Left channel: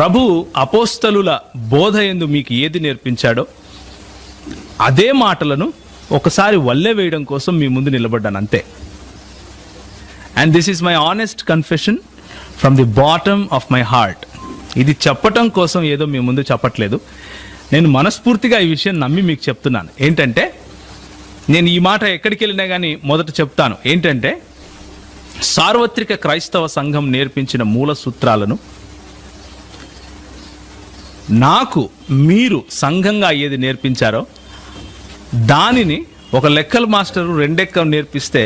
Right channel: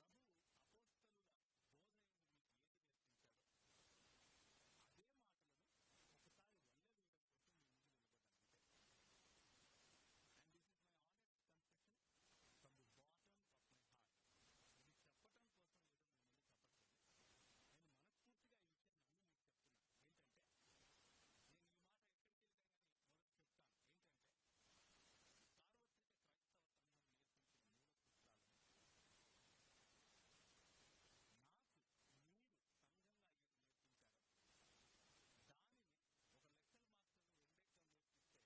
ప్రభు అపోస్తలుల బోధ యందు మీకు ఏది నేర్పించాడో అదే మాటలను ఒకసారి వల్లె వేయడం కోసం మీ ముందు నిలబడ్డాను అంతే. And this is my honest confession from the bottom of my heart. ఇది చెప్పటం కోసం ఏదో మీ ముందు చెప్పట్లేదు, నేను మనస్ఫూర్తిగా ఈ విషయం నమ్మి మీకు చెప్తున్నాను. ఏంటంటే, నేను ఈ మాట ఎక్కడికి వెళ్ళినా కానీ మొదట చెప్తాను ఏంటంటే, సార్వత్రిక క్రైస్తవ సంఘం నేర్పించిన మూల సూత్రాలను నాకు మీరు సంఘంగా ఏది నేర్పించారో దానిని ఒక లెక్కల మాస్టరు రెండెక్కం నేర్పిస్తే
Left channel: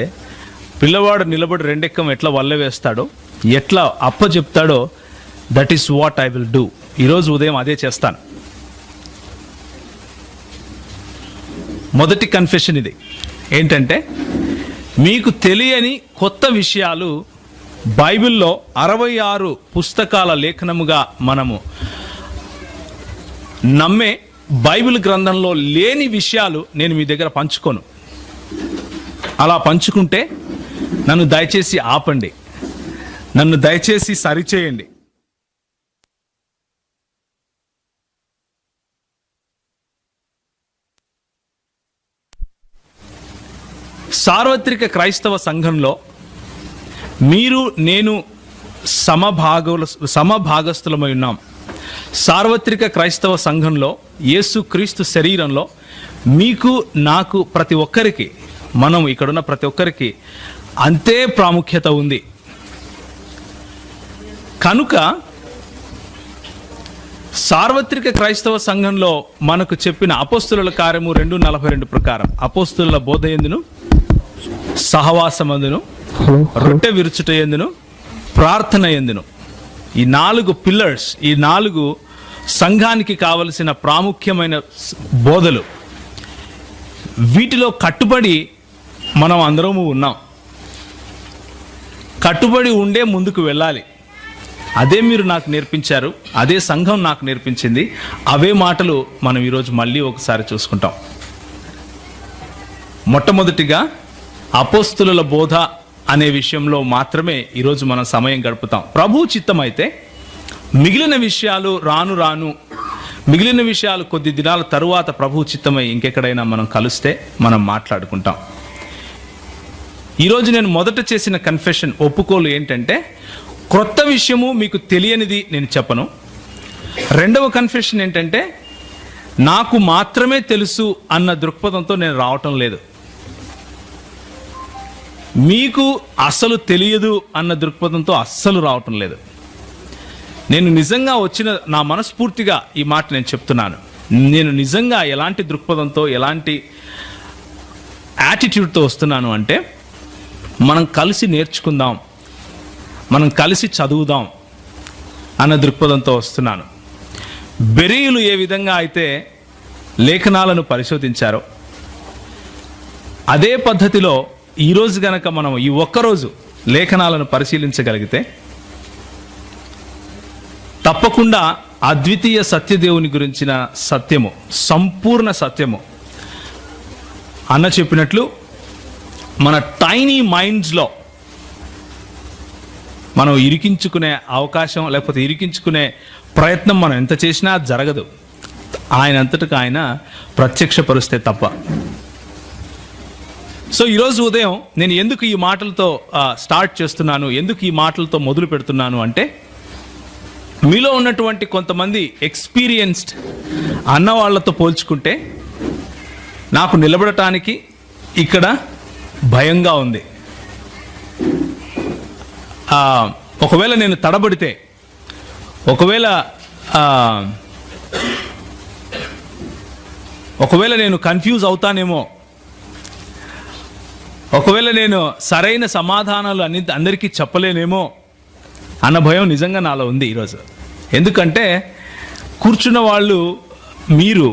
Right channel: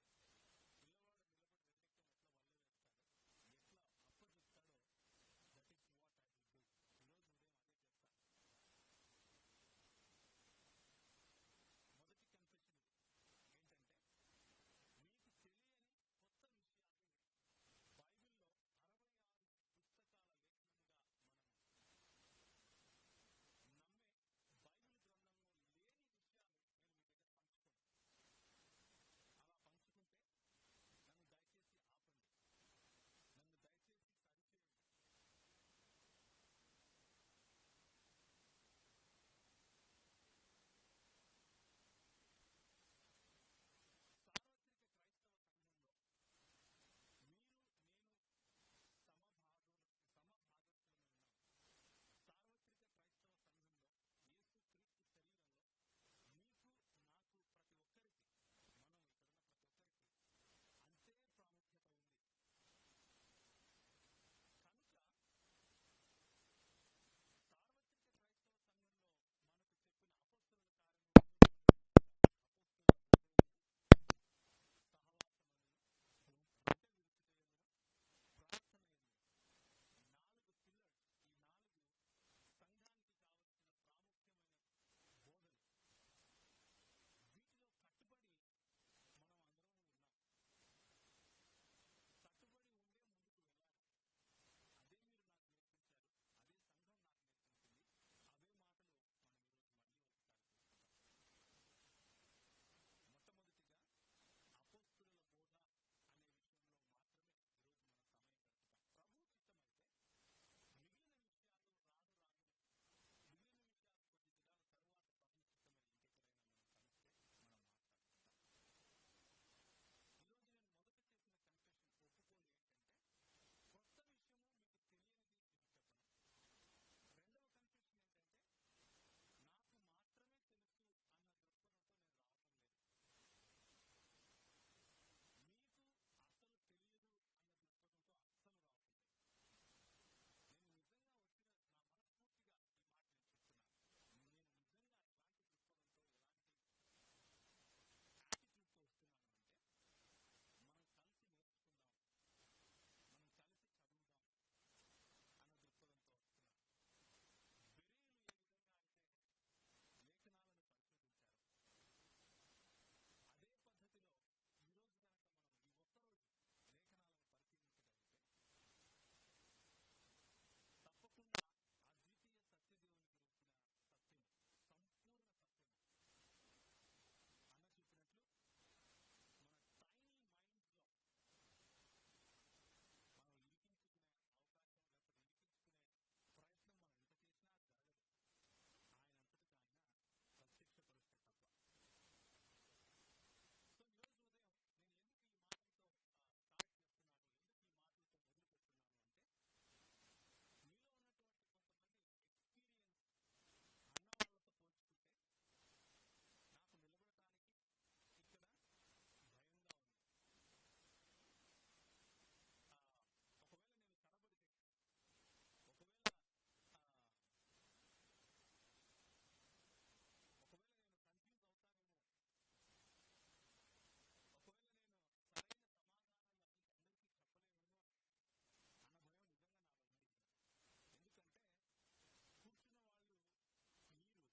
పిల్లవాడు నిలబడి రెండెక్కం ఎట్లా వల్ల వేస్తాడో, ఎట్లా అప్ప చెప్తాడో, that is what I will do. ఈరోజు ఉదయం అదే చేస్తాను. మొదటి కన్ఫెషన్ ఇది ఏంటంటే, మీకు తెలియని కొత్త విషయాలు బైబిల్లో 66 పుస్తకాల లేఖనముగా మనము నమ్మే బైబిల్ గ్రంథంలో లేని విషయాలు నేను మీ దగ్గర పంచుకోను. అలా పంచుకుంటే నన్ను దయచేసి ఆపండి, నన్ను దయచేసి సరిచేయండి. సార్వత్రిక క్రైస్తవ సంఘంలో మీరు నేను సమభాగస్థులమై ఉన్నాం. సార్వత్రిక క్రైస్తవ సంఘంలో యేసుక్రీస్తు శరీరంలో మీకు నాకు ప్రతి ఒక్కరికి, మనం ఇక్కడున్న ప్రతి ఒక్కరికి అంతే ప్రాముఖ్యత ఉంది. కనుక సార్వత్రిక క్రైస్తవ సంఘంలో మనకు చెప్పిన అపోస్తుల కార్యము 2:42 ప్రకారం అపోస్తుల బోధ యందును, సహవాసమందును, రొట్టె విరుచుట యందును, ప్రార్థన యందును, ఈ 4 పిల్లర్స్, ఈ 4 సంఘానికి కావలసిన ప్రాముఖ్యమైన బోధలు, వీటిలో కట్టుబడి మనం అందరము ఉన్నాం. కట్టుబడి ఉండే ముందుకు వెళ్ళాలి. అదే మీరు నాకు నేర్పించారు, అదే సంఘం నాకు నేర్పించింది. అవే మాటలు మనం ఈరోజు మళ్ళీ ఒకసారి చూసుకుంటాం. మొట్టమొదటిగా అపోస్తుల బోధ అనే విషయంలో మాత్రమే ఈరోజు మనం సమయం గడుపుతాం. ప్రభు చిత్తం అయితే మిగిలిన విషయాలు రాను మిగిలిన విషయాలు కొద్ది దినాల తరువాత ప్రభు చిత్తమై ఇంకెక్కడైనా మనం కలిస్తే మనం మాట్లాడుకుంటాం. ఈరోజు నేను మొదట చేసిన కన్ఫెషన్, ఒప్పుకోలు ఏంటంటే, క్రొత్త విషయము మీకు తెలియనిది నేను చెప్పను. రెండవ కన్ఫెషన్ ఏంటంటే, నాకు మాత్రమే తెలుసు అన్న దృక్పథంతో నేను రావటం లేదు. మీకు అస్సలు తెలియదు అన్న దృక్పథంతో అస్సలు రావటం లేదు. నేను నిజంగా వచ్చిన, నా మనస్ఫూర్తిగా ఈ మాట నేను చెప్తున్నాను, నేను నిజంగా ఎలాంటి దృక్పథంతో, ఎలాంటి యాటిట్యూడ్తో వస్తున్నాను అంటే, మనం కలిసి నేర్చుకుందాం, మనం కలిసి చదువుదాం అన్న దృక్పథంతో వస్తున్నాను. బెరీయులు ఏ విధంగా అయితే లేఖనాలను పరిశోధించారో అదే పద్ధతిలో ఈరోజు గనక మనం ఈ ఒక్కరోజు లేఖనాలను పరిశీలించగలిగితే తప్పకుండా అద్వితీయ సత్యదేవుని గురించిన సత్యము, సంపూర్ణ సత్యము అన్న చెప్పినట్లు మన టైనీ మైండ్స్లో మనం ఇరికించుకునే అవకాశం, లేకపోతే ఇరికించుకునే ప్రయత్నం మనం ఎంత చేసినా జరగదు. ఆయన అంతటికి ఆయన ప్రత్యక్షపరుస్తే తప్ప. సో ఈరోజు ఉదయం నేను ఎందుకు ఈ మాటలతో స్టార్ట్ చేస్తున్నాను, ఎందుకు ఈ మాటలతో మొదలు పెడుతున్నాను అంటే, మీలో ఉన్నటువంటి కొంతమంది ఎక్స్పీరియన్స్డ్ అన్నవాళ్లతో పోల్చుకుంటే నాకు నిలబడటానికి ఇక్కడ భయంగా ఉంది. ఒకవేళ నేను తడబడితే, ఒకవేళ నేను కన్ఫ్యూజ్ అవుతానేమో, ఒకవేళ నేను సరైన సమాధానాలు అందరికీ చెప్పలేనేమో అన్న భయం నిజంగా నాలో ఉంది ఈరోజు. ఎందుకంటే కూర్చున్న వాళ్ళు మీరు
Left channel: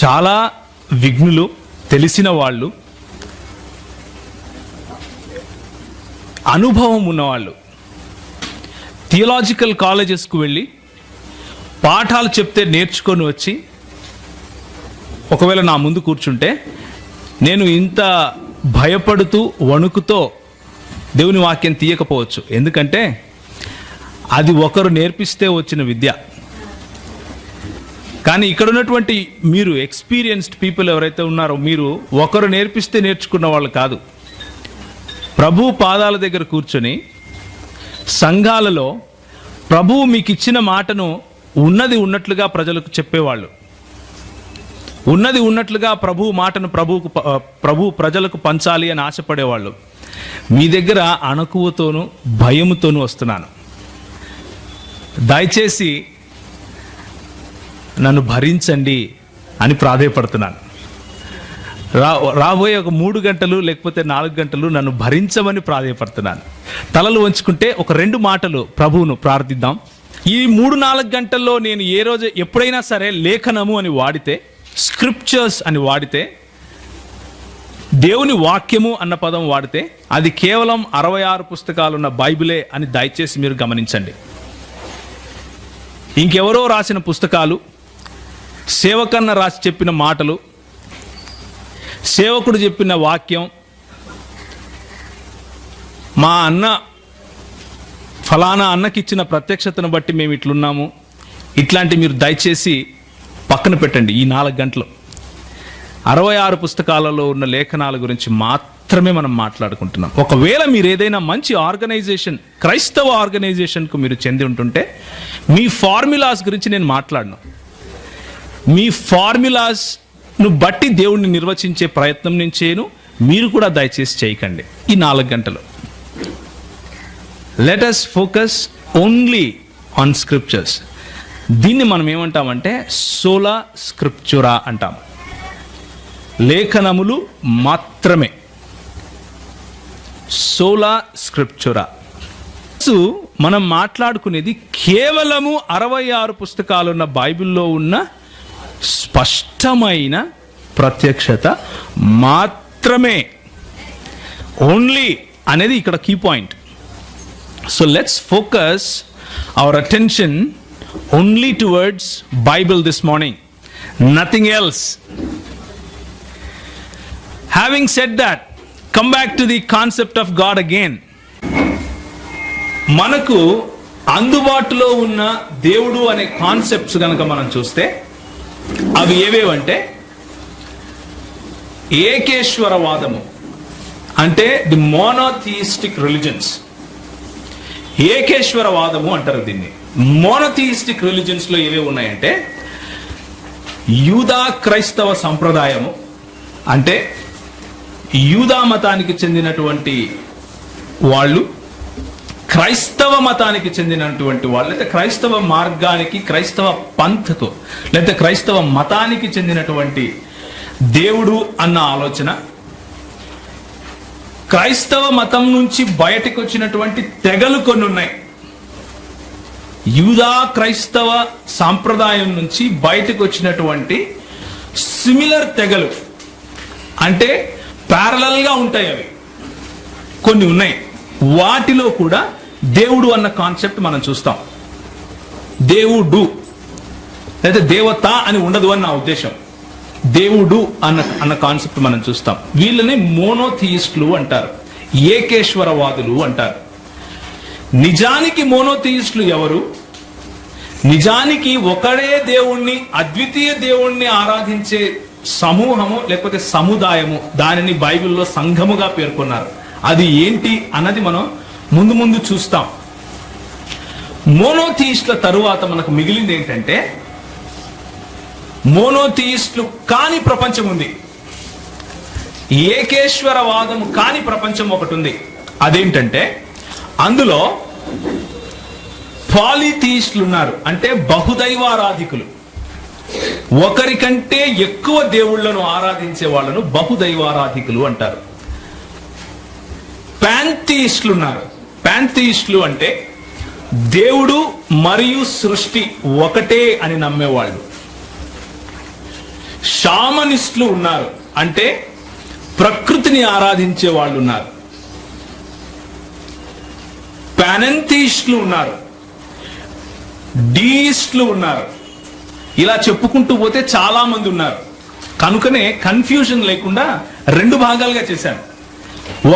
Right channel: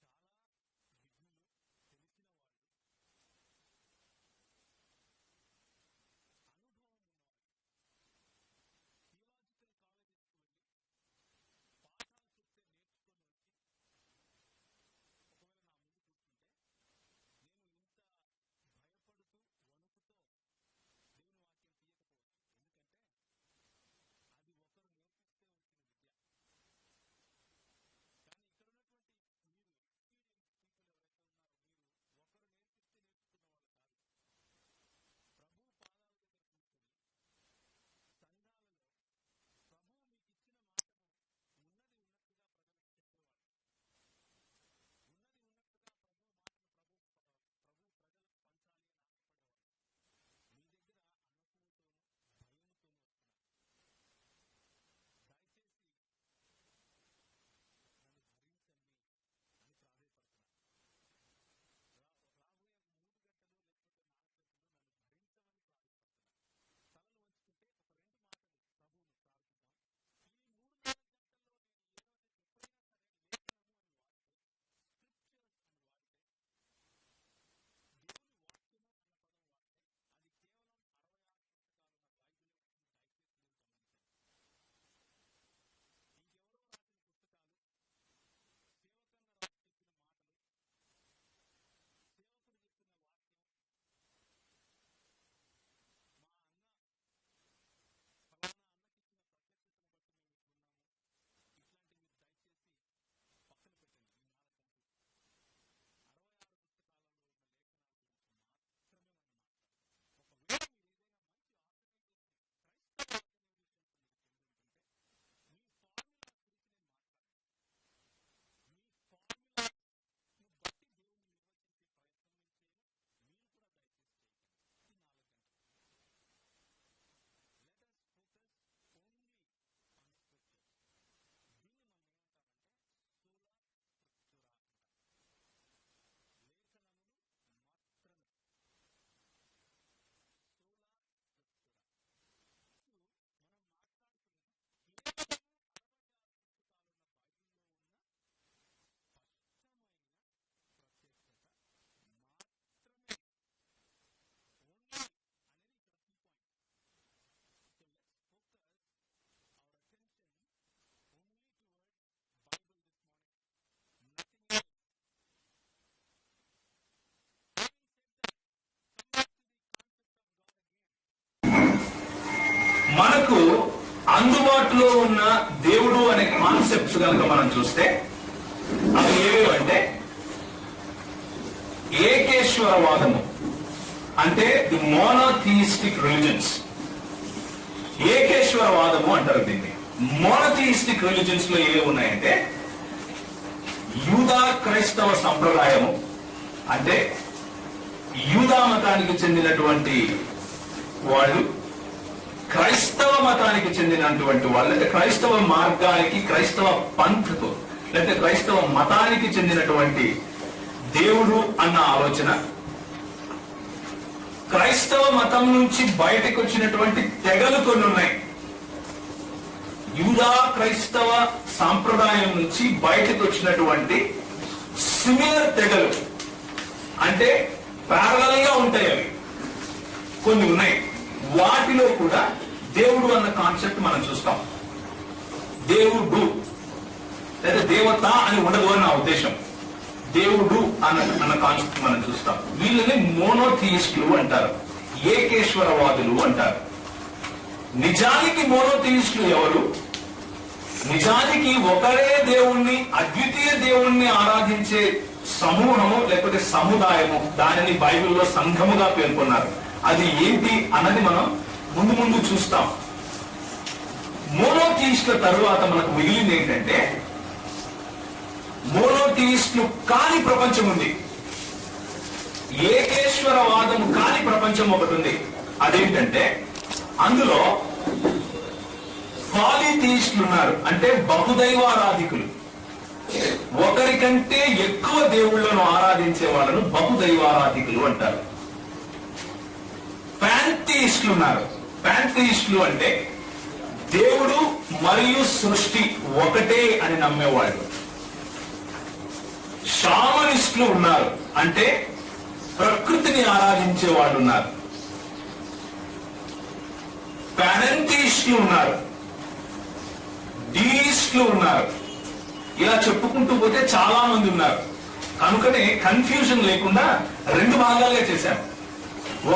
చాలా విఘ్నులు, తెలిసిన వాళ్ళు, అనుభవం ఉన్నవాళ్ళు, థియలాజికల్ కాలేజెస్కు వెళ్ళి పాఠాలు చెప్తే నేర్చుకొని వచ్చి ఒకవేళ నా ముందు కూర్చుంటే నేను ఇంత భయపడుతూ వణుకుతో దేవుని వాక్యం తీయకపోవచ్చు. ఎందుకంటే అది ఒకరు నేర్పిస్తే వచ్చిన విద్య. కానీ ఇక్కడ ఉన్నటువంటి మీరు ఎక్స్పీరియన్స్డ్ పీపుల్ ఎవరైతే ఉన్నారో, మీరు ఒకరు నేర్పిస్తే నేర్చుకున్న వాళ్ళు కాదు. ప్రభు పాదాల దగ్గర కూర్చొని సంఘాలలో ప్రభువు మీకు ఇచ్చిన మాటను ఉన్నది ఉన్నట్లుగా ప్రజలకు చెప్పేవాళ్ళు, ఉన్నది ఉన్నట్లుగా ప్రభు మాటను ప్రభు ప్రజలకు పంచాలి అని ఆశపడేవాళ్ళు. మీ దగ్గర అణకువతోనూ భయముతోనూ వస్తున్నాను. దయచేసి నన్ను భరించండి అని ప్రాధేయపడుతున్నాను. రాబోయే ఒక 3 గంటలు లేకపోతే 4 గంటలు నన్ను భరించమని ప్రాధేయపడుతున్నాను. తలలు వంచుకుంటే ఒక 2 మాటలు ప్రభువును ప్రార్థిద్దాం. ఈ 3-4 గంటల్లో నేను ఏ రోజు ఎప్పుడైనా సరే లేఖనము అని వాడితే, స్క్రిప్చర్స్ అని వాడితే, దేవుని వాక్యము అన్న పదం వాడితే అది కేవలం 66 పుస్తకాలున్న బైబిలే అని దయచేసి మీరు గమనించండి. ఇంకెవరో రాసిన పుస్తకాలు, సేవకన్న రాసి చెప్పిన మాటలు, సేవకుడు చెప్పిన వాక్యం, మా అన్న ఫలానా అన్నకిచ్చిన ప్రత్యక్షతను బట్టి మేము ఇట్లున్నాము, ఇట్లాంటి మీరు దయచేసి పక్కన పెట్టండి. ఈ 4 గంటలు 66 పుస్తకాలలో ఉన్న లేఖనాల గురించి మాత్రమే మనం మాట్లాడుకుంటున్నాం. ఒకవేళ మీరు ఏదైనా మంచి ఆర్గనైజేషన్, క్రైస్తవ ఆర్గనైజేషన్కు మీరు చెంది ఉంటుంటే మీ ఫార్ములాస్ గురించి నేను మాట్లాడను. మీ ఫార్ములాస్ను బట్టి దేవుణ్ణి నిర్వచించే ప్రయత్నం నేను చేయను, మీరు కూడా దయచేసి చేయకండి. ఈ 4 గంటలు let us focus only on scriptures. దీన్ని మనం ఏమంటామంటే సోలా స్క్రిప్చురా అంటాం. లేఖనములు మాత్రమే, సోలా స్క్రిప్చురా. మనం మాట్లాడుకునేది కేవలము 66 పుస్తకాలున్న బైబిల్లో ఉన్న స్పష్టమైన ప్రత్యక్షత మాత్రమే. ఓన్లీ అనేది ఇక్కడ key point. So let's focus our attention only towards Bible this morning, nothing else. Having said that, come back to the concept of God again. మనకు అందుబాటులో ఉన్న దేవుడు అనే కాన్సెప్ట్స్ కనుక మనం చూస్తే అవి ఏవేవంటే, ఏకేశ్వరవాదము అంటే ది మోనోథియిస్టిక్ రిలిజన్స్. ఏకేశ్వరవాదము అంటారు దీన్ని. మోనోథియిస్టిక్ రిలిజన్స్ లో ఏవే ఉన్నాయంటే, యూదా క్రైస్తవ సంప్రదాయము అంటే యూదా మతానికి చెందినటువంటి వాళ్ళు, క్రైస్తవ మతానికి చెందినటువంటి వాళ్ళు, లేదా క్రైస్తవ మార్గానికి, క్రైస్తవ పంథకు, లేదా క్రైస్తవ మతానికి చెందినటువంటి దేవుడు అన్న ఆలోచన, క్రైస్తవ మతం నుంచి బయటకు వచ్చినటువంటి తెగలు కొన్ని ఉన్నాయి. యూదా క్రైస్తవ సాంప్రదాయం నుంచి బయటకు వచ్చినటువంటి సిమిలర్ తెగలు, అంటే ప్యారలల్ గా ఉంటాయి, అవి కొన్ని ఉన్నాయి. వాటిలో కూడా దేవుడు అన్న కాన్సెప్ట్ మనం చూస్తాం. దేవుడు లేదా దేవత అని ఉండదు అన్న ఉద్దేశం. దేవుడు అన్న కాన్సెప్ట్ మనం చూస్తాం. వీళ్ళని మోనోథియిస్టులు అంటారు, ఏకేశ్వరవాదులు అంటారు. నిజానికి మోనోథియిస్టులు ఎవరు? నిజానికి ఒకడే దేవుణ్ణి, అద్వితీయ దేవుణ్ణి ఆరాధించే సమూహము లేకపోతే సముదాయము, దానిని బైబిల్లో సంఘముగా పేర్కొన్నారు. అది ఏంటి అన్నది మనం ముందు ముందు చూస్తాం. మోనోథియిస్టుల తరువాత మనకు మిగిలింది ఏంటంటే, మోనోథియిస్టులు కాని ప్రపంచం ఉంది, ఏకేశ్వరవాదం కాని ప్రపంచం ఒకటి ఉంది. అదేంటంటే, అందులో పాలిథియిస్టులు ఉన్నారు, అంటే బహుదైవారాధికులు. ఒకరికంటే ఎక్కువ దేవుళ్లను ఆరాధించే వాళ్ళను బహుదైవారాధికులు అంటారు. పాంథియిస్టులు ఉన్నారు. పాంథియిస్టులు అంటే దేవుడు మరియు సృష్టి ఒకటే అని నమ్మేవాళ్ళు. షామనిస్టులు ఉన్నారు, అంటే ప్రకృతిని ఆరాధించే వాళ్ళు ఉన్నారు. పానెంథియిస్టులు ఉన్నారు, డీయిస్టులు ఉన్నారు. ఇలా చెప్పుకుంటూ పోతే చాలా మంది ఉన్నారు. కనుకనే కన్ఫ్యూజన్ లేకుండా 2 భాగాలుగా చేశాను.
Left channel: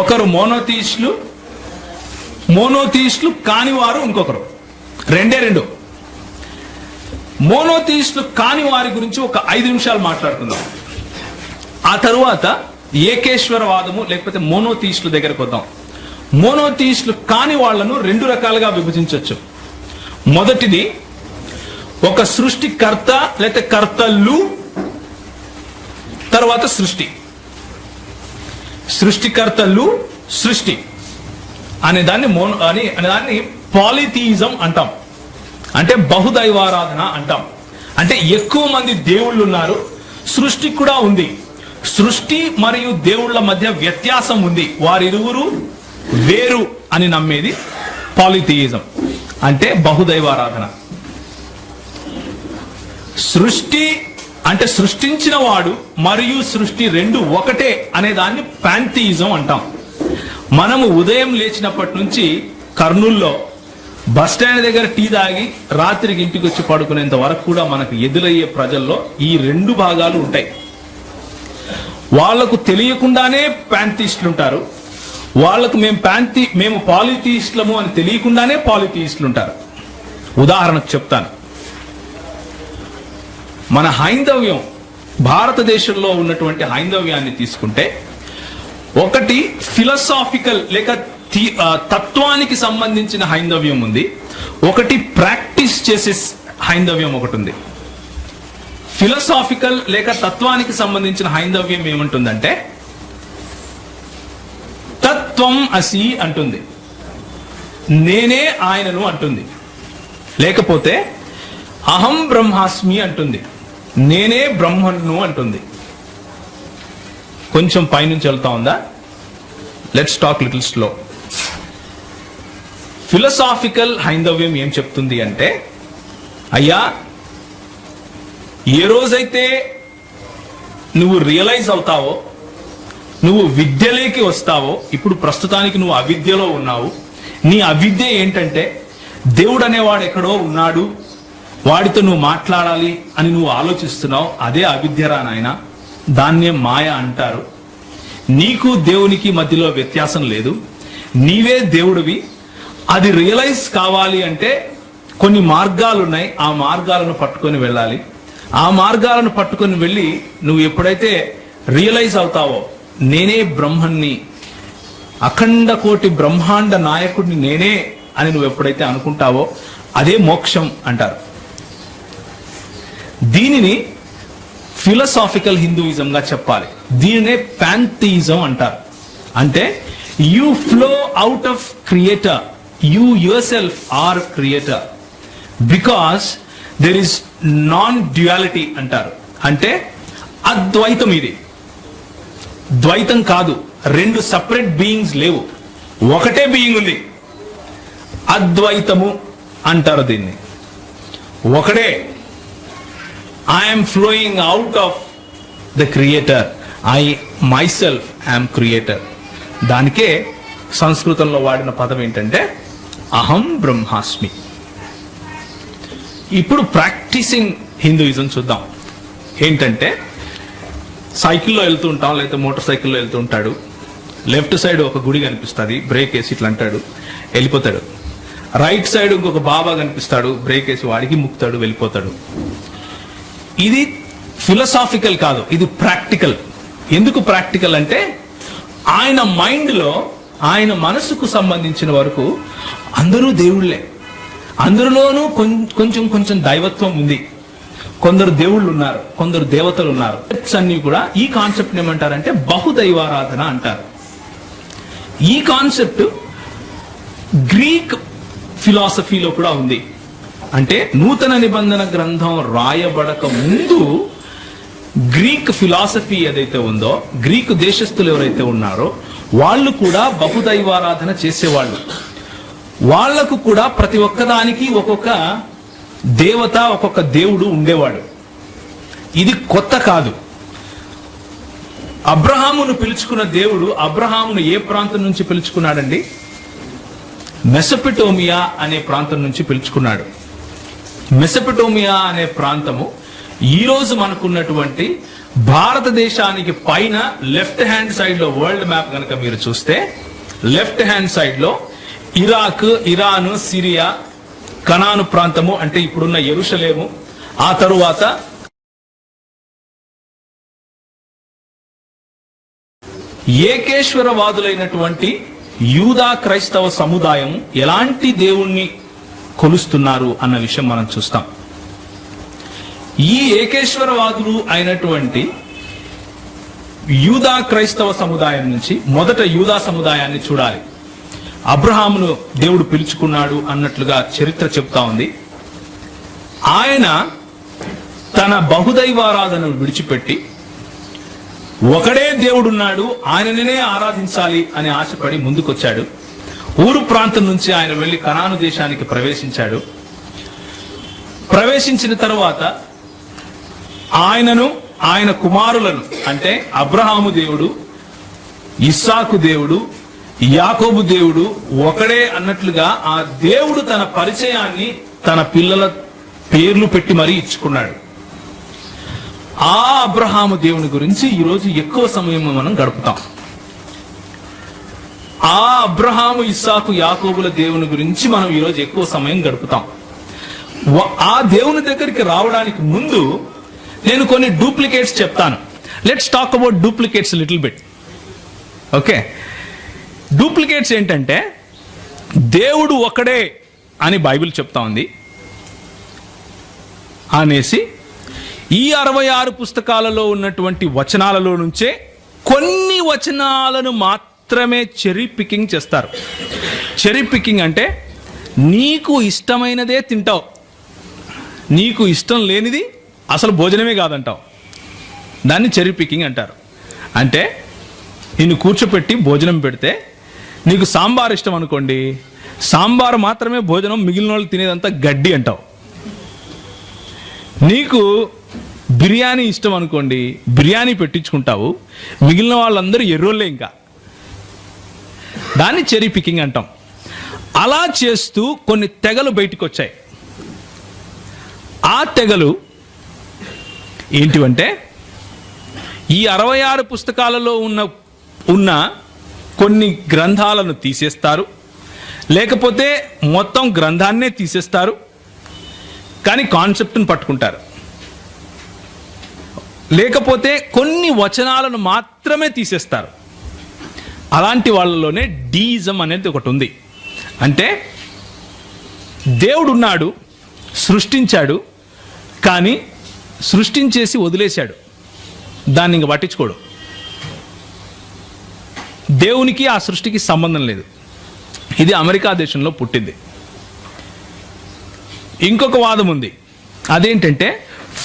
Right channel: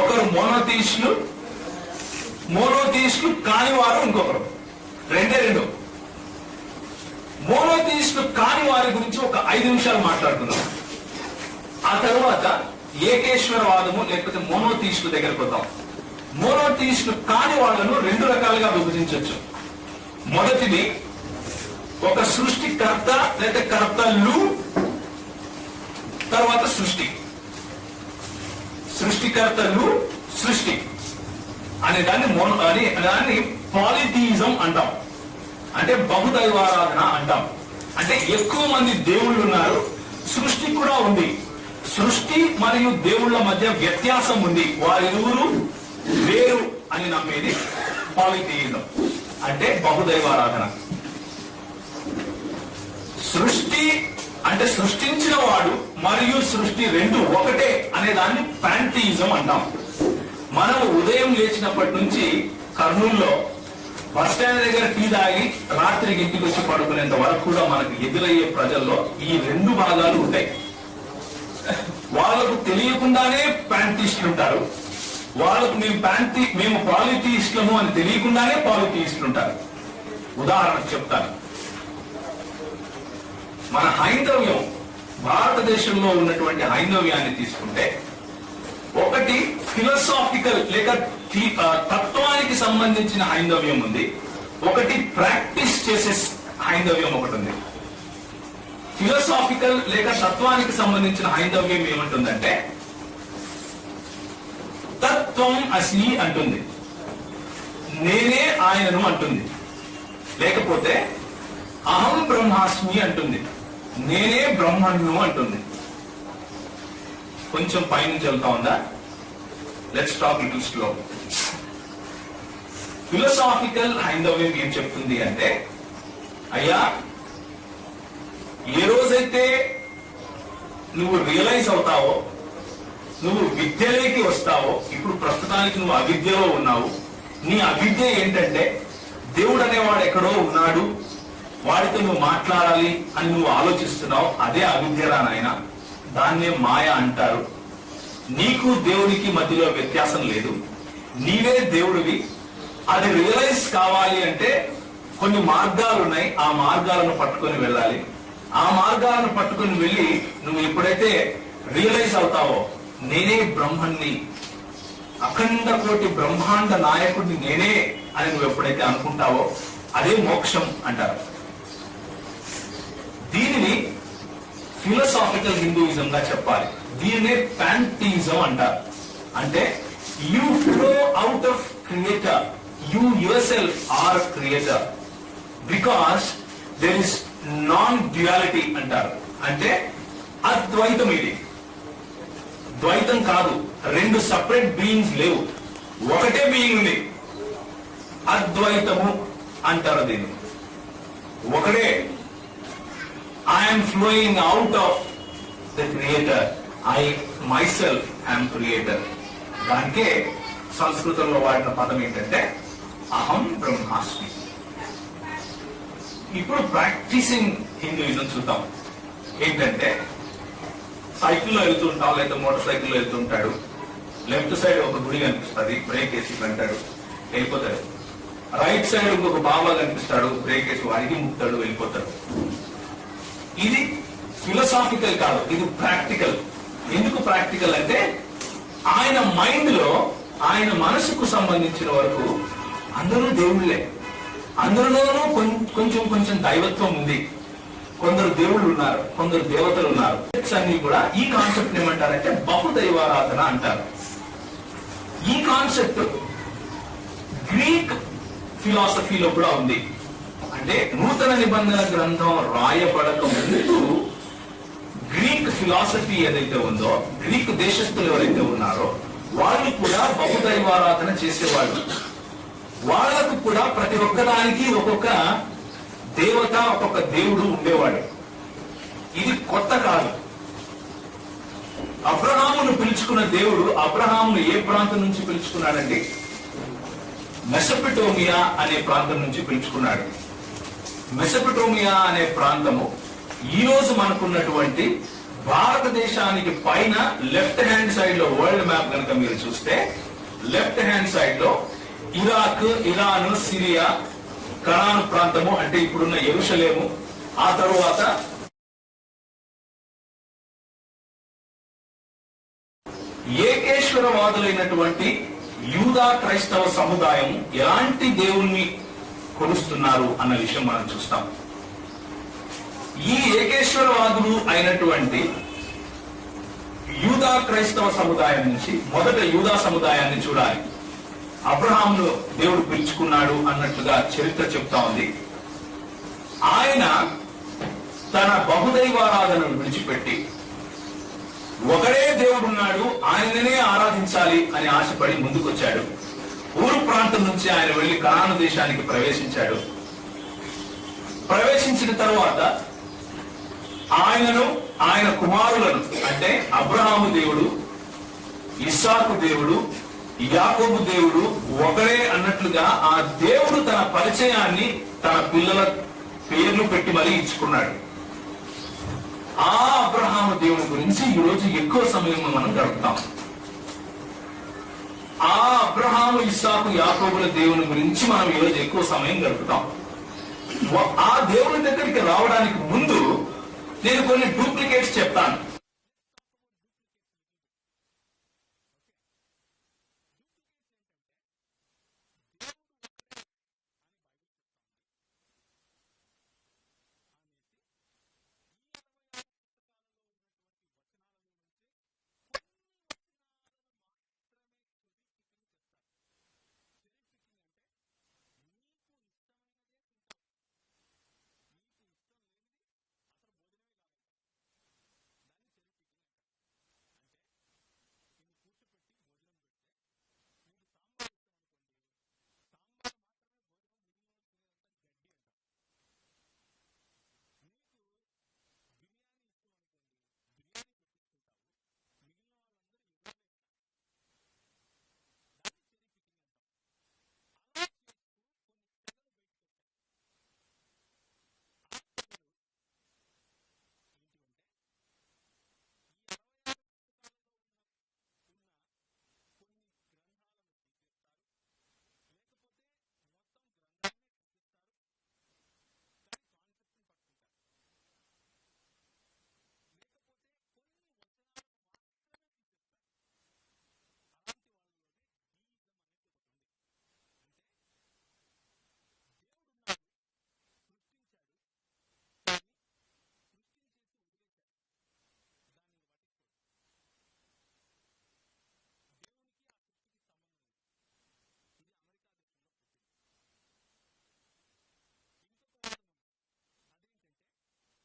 ఒకరు మోనోథియిస్టులు, మోనోథియిస్టులు కాని వారు ఇంకొకరు. రెండు. మోనోథియిస్టులు కాని వారి గురించి ఒక 5 నిమిషాలు మాట్లాడుకుందాం. ఆ తరువాత ఏకేశ్వరవాదము లేకపోతే మోనోథియిస్టుల దగ్గరకు వద్దాం. మోనోథియిస్టులు కాని వాళ్లను 2 రకాలుగా విభజించవచ్చు. మొదటిది ఒక సృష్టికర్త లేకపోతే కర్తలు, తర్వాత సృష్టికర్తలు సృష్టి అనే దాన్ని పాలిథియిజం అంటాం. అంటే బహుదైవారాధన అంటాం. అంటే ఎక్కువ మంది దేవుళ్ళు ఉన్నారు, సృష్టి కూడా ఉంది. సృష్టి మరియు దేవుళ్ళ మధ్య వ్యత్యాసం ఉంది, వారిరువురు వేరు అని నమ్మేది పాలిథియిజం, అంటే బహుదైవారాధన. సృష్టి అంటే సృష్టించిన వాడు మరియు సృష్టి 2 ఒకటే అనే దాన్ని పాంథియిజం అంటాం. మనము ఉదయం లేచినప్పటి నుంచి కర్నూల్లో బస్ స్టాండ్ దగ్గర టీ తాగి రాత్రికి ఇంటికి వచ్చి పడుకునేంత వరకు కూడా మనకు ఎదురయ్యే ప్రజల్లో ఈ 2 భాగాలు ఉంటాయి. వాళ్లకు తెలియకుండానే పాంథియిస్టులు ఉంటారు, వాళ్లకు మేము పాలిథియిస్టులము అని తెలియకుండానే పాలిథియిస్టులు ఉంటారు. ఉదాహరణకు చెప్తాను. మన హైందవ్యం, భారతదేశంలో ఉన్నటువంటి హైందవ్యాన్ని తీసుకుంటే, ఒకటి ఫిలసాఫికల్ లేక తత్వానికి సంబంధించిన హైందవ్యం ఉంది, ఒకటి ప్రాక్టీస్ చేసే హైందవ్యం ఒకటి ఉంది. ఫిలసాఫికల్ లేక తత్వానికి సంబంధించిన హైందవ్యం ఏముంటుందంటే, తత్వం అసి అంటుంది, నేనే ఆయనను అంటుంది. లేకపోతే అహం బ్రహ్మాస్మి అంటుంది, నేనే బ్రహ్మను అంటుంది. కొంచెం పైనుంచి వెళ్తా ఉందా? Let's talk little slow. Philosophical హైందవ్యం ఏం చెప్తుంది అంటే, అయ్యా ఏ రోజైతే నువ్వు రియలైజ్ అవుతావో, నువ్వు విద్యలోకి వస్తావో, ఇప్పుడు ప్రస్తుతానికి నువ్వు అవిద్యలో ఉన్నావు. నీ అవిద్య ఏంటంటే దేవుడు అనేవాడు ఎక్కడో ఉన్నాడు, వాడితో నువ్వు మాట్లాడాలి అని నువ్వు ఆలోచిస్తున్నావు. అదే అవిద్యరా నాయన, దాన్నే మాయ అంటారు. నీకు దేవునికి మధ్యలో వ్యత్యాసం లేదు, నీవే దేవుడివి. అది రియలైజ్ కావాలి అంటే కొన్ని మార్గాలు ఉన్నాయి, ఆ మార్గాలను పట్టుకొని వెళ్ళాలి. ఆ మార్గాలను పట్టుకొని వెళ్ళి నువ్వు ఎప్పుడైతే రియలైజ్ అవుతావో, నేనే బ్రహ్మన్ని, అఖండ కోటి బ్రహ్మాండ నాయకుడిని నేనే అని నువ్వు ఎప్పుడైతే అనుకుంటావో, అదే మోక్షం అంటారు. దీనిని ఫిలసాఫికల్ హిందూయిజం గా చెప్పాలి. దీనినే పాంథియిజం అంటారు. అంటే you flow out of creator, you yourself are creator, because there is non duality అంటారు. అంటే అద్వైతం, ఇది ద్వైతం కాదు, 2 సపరేట్ బీయింగ్స్ లేవు, ఒకటే బీయింగ్ ఉంది. అద్వైతము అంటారు దీన్ని. ఒకడే, I am flowing out of the creator, I myself am creator. దానికే సంస్కృతంలో వాడిన పదం ఏంటంటే అహం బ్రహ్మాస్మి. ఇప్పుడు ప్రాక్టీసింగ్ హిందూయిజం చూద్దాం. ఏంటంటే, సైకిల్లో వెళ్తుంటాం, లేకపోతే మోటార్ సైకిల్లో వెళ్తుంటాడు, లెఫ్ట్ సైడ్ ఒక గుడి కనిపిస్తుంది, బ్రేక్ వేసి ఇట్లా అంటాడు, వెళ్ళిపోతాడు. రైట్ సైడ్ ఇంకొక బాబా కనిపిస్తాడు, బ్రేక్ వేసి వాడికి ముక్తాడు, వెళ్ళిపోతాడు. ఇది ఫిలసాఫికల్ కాదు, ఇది ప్రాక్టికల్. ఎందుకు ప్రాక్టికల్ అంటే, ఆయన మైండ్ లో, ఆయన మనసుకు సంబంధించిన వరకు అందరూ దేవుళ్ళే, అందరిలోనూ కొంచెం కొంచెం దైవత్వం ఉంది. కొందరు దేవుళ్ళు ఉన్నారు, కొందరు దేవతలు ఉన్నారు. అన్ని కూడా ఈ కాన్సెప్ట్ ఏమంటారంటే బహుదైవారాధన అంటారు. ఈ కాన్సెప్ట్ గ్రీక్ ఫిలాసఫీలో కూడా ఉంది. అంటే నూతన నిబంధన గ్రంథం రాయబడక ముందు గ్రీక్ ఫిలాసఫీ ఏదైతే ఉందో, గ్రీకు దేశస్థులు ఎవరైతే ఉన్నారో వాళ్ళు కూడా బహుదైవారాధన చేసేవాళ్ళు. వాళ్లకు కూడా ప్రతి ఒక్కదానికి ఒక్కొక్క దేవత, ఒక్కొక్క దేవుడు ఉండేవాడు. ఇది కొత్త కాదు. అబ్రహామును పిలుచుకున్న దేవుడు అబ్రహామును ఏ ప్రాంతం నుంచి పిలుచుకున్నాడండి? మెసొపొటేమియా అనే ప్రాంతం నుంచి పిలుచుకున్నాడు. మెసొపొటేమియా అనే ప్రాంతము ఈ రోజు మనకున్నటువంటి భారతదేశానికి పైన లెఫ్ట్ హ్యాండ్ సైడ్ లో వరల్డ్ మ్యాప్ కనుక మీరు చూస్తే, లెఫ్ట్ హ్యాండ్ సైడ్ లో ఇరాక్, ఇరాన్, సిరియా, కనాను ప్రాంతము అంటే ఇప్పుడున్న యెరూషలేము, ఆ తరువాత ఏకేశ్వరవాదులైనటువంటి యూదా క్రైస్తవ సముదాయం ఎలాంటి దేవుణ్ణి కొలుస్తున్నారు అన్న విషయం మనం చూస్తాం. ఈ ఏకేశ్వరవాదులు అయినటువంటి యూదా క్రైస్తవ సముదాయం నుంచి మొదట యూదా సముదాయాన్ని చూడాలి. అబ్రహామును దేవుడు పిలుచుకున్నాడు అన్నట్లుగా చరిత్ర చెప్తా ఉంది. ఆయన తన బహుదైవారాధనను విడిచిపెట్టి ఒకడే దేవుడున్నాడు, ఆయననే ఆరాధించాలి అని ఆశపడి ముందుకొచ్చాడు. ఊరు ప్రాంతం నుంచి ఆయన వెళ్లి కనాను దేశానికి ప్రవేశించాడు. ప్రవేశించిన తరువాత ఆయనను, ఆయన కుమారులను అంటే అబ్రహాము దేవుడు, ఇస్సాకు దేవుడు, యాకోబు దేవుడు ఒకడే అన్నట్లుగా ఆ దేవుడు తన పరిచయాన్ని తన పిల్లల పేర్లు పెట్టి మరీ ఇచ్చుకున్నాడు. ఆ అబ్రహాము దేవుని గురించి ఈరోజు ఎక్కువ సమయం మనం గడుపుతాం. ఆ అబ్రహాము, ఇస్సాకు, యాకోబుల దేవుని గురించి మనం ఈరోజు ఎక్కువ సమయం గడుపుతాం. ఆ దేవుని దగ్గరికి రావడానికి ముందు నేను కొన్ని డూప్లికేట్స్ చెప్తాను. Let's talk about duplicates little bit. Okay, duplicates ఏంటంటే దేవుడు ఒకడే అని బైబిల్ చెప్తా ఉంది అనేసి ఈ 66 పుస్తకాలలో ఉన్నటువంటి వచనాలలో నుంచే కొన్ని వచనాలను మాత్రమే చెరీ పికింగ్ చేస్తారు. చెరీ పికింగ్ అంటే నీకు ఇష్టమైనదే తింటావు, నీకు ఇష్టం లేనిది అసలు భోజనమే కాదంటావు. దాన్ని చెరీ పికింగ్ అంటారు. అంటే నిన్ను కూర్చోపెట్టి భోజనం పెడితే నీకు సాంబార్ ఇష్టం అనుకోండి, సాంబార్ మాత్రమే భోజనం, మిగిలిన వాళ్ళు తినేదంతా గడ్డి అంటావు. నీకు బిర్యానీ ఇష్టం అనుకోండి, బిర్యానీ పెట్టించుకుంటావు, మిగిలిన వాళ్ళందరూ ఎర్రోళ్ళే. ఇంకా దాన్ని చెరీ పికింగ్ అంటాం. అలా చేస్తూ కొన్ని తెగలు బయటకు వచ్చాయి. ఆ తెగలు ఏంటివంటే ఈ 66 పుస్తకాలలో ఉన్న కొన్ని గ్రంథాలను తీసేస్తారు, లేకపోతే మొత్తం గ్రంథాన్నే తీసేస్తారు, కానీ కాన్సెప్ట్ని పట్టుకుంటారు. లేకపోతే కొన్ని వచనాలను మాత్రమే తీసేస్తారు. అలాంటి వాళ్ళలోనే డీయిజం అనేది ఒకటి ఉంది. అంటే దేవుడు ఉన్నాడు, సృష్టించాడు, కానీ సృష్టించేసి వదిలేశాడు, దాన్ని ఇంక పట్టించుకోడు. దేవునికి ఆ సృష్టికి సంబంధం లేదు. ఇది అమెరికా దేశంలో పుట్టింది. ఇంకొక వాదం ఉంది, అదేంటంటే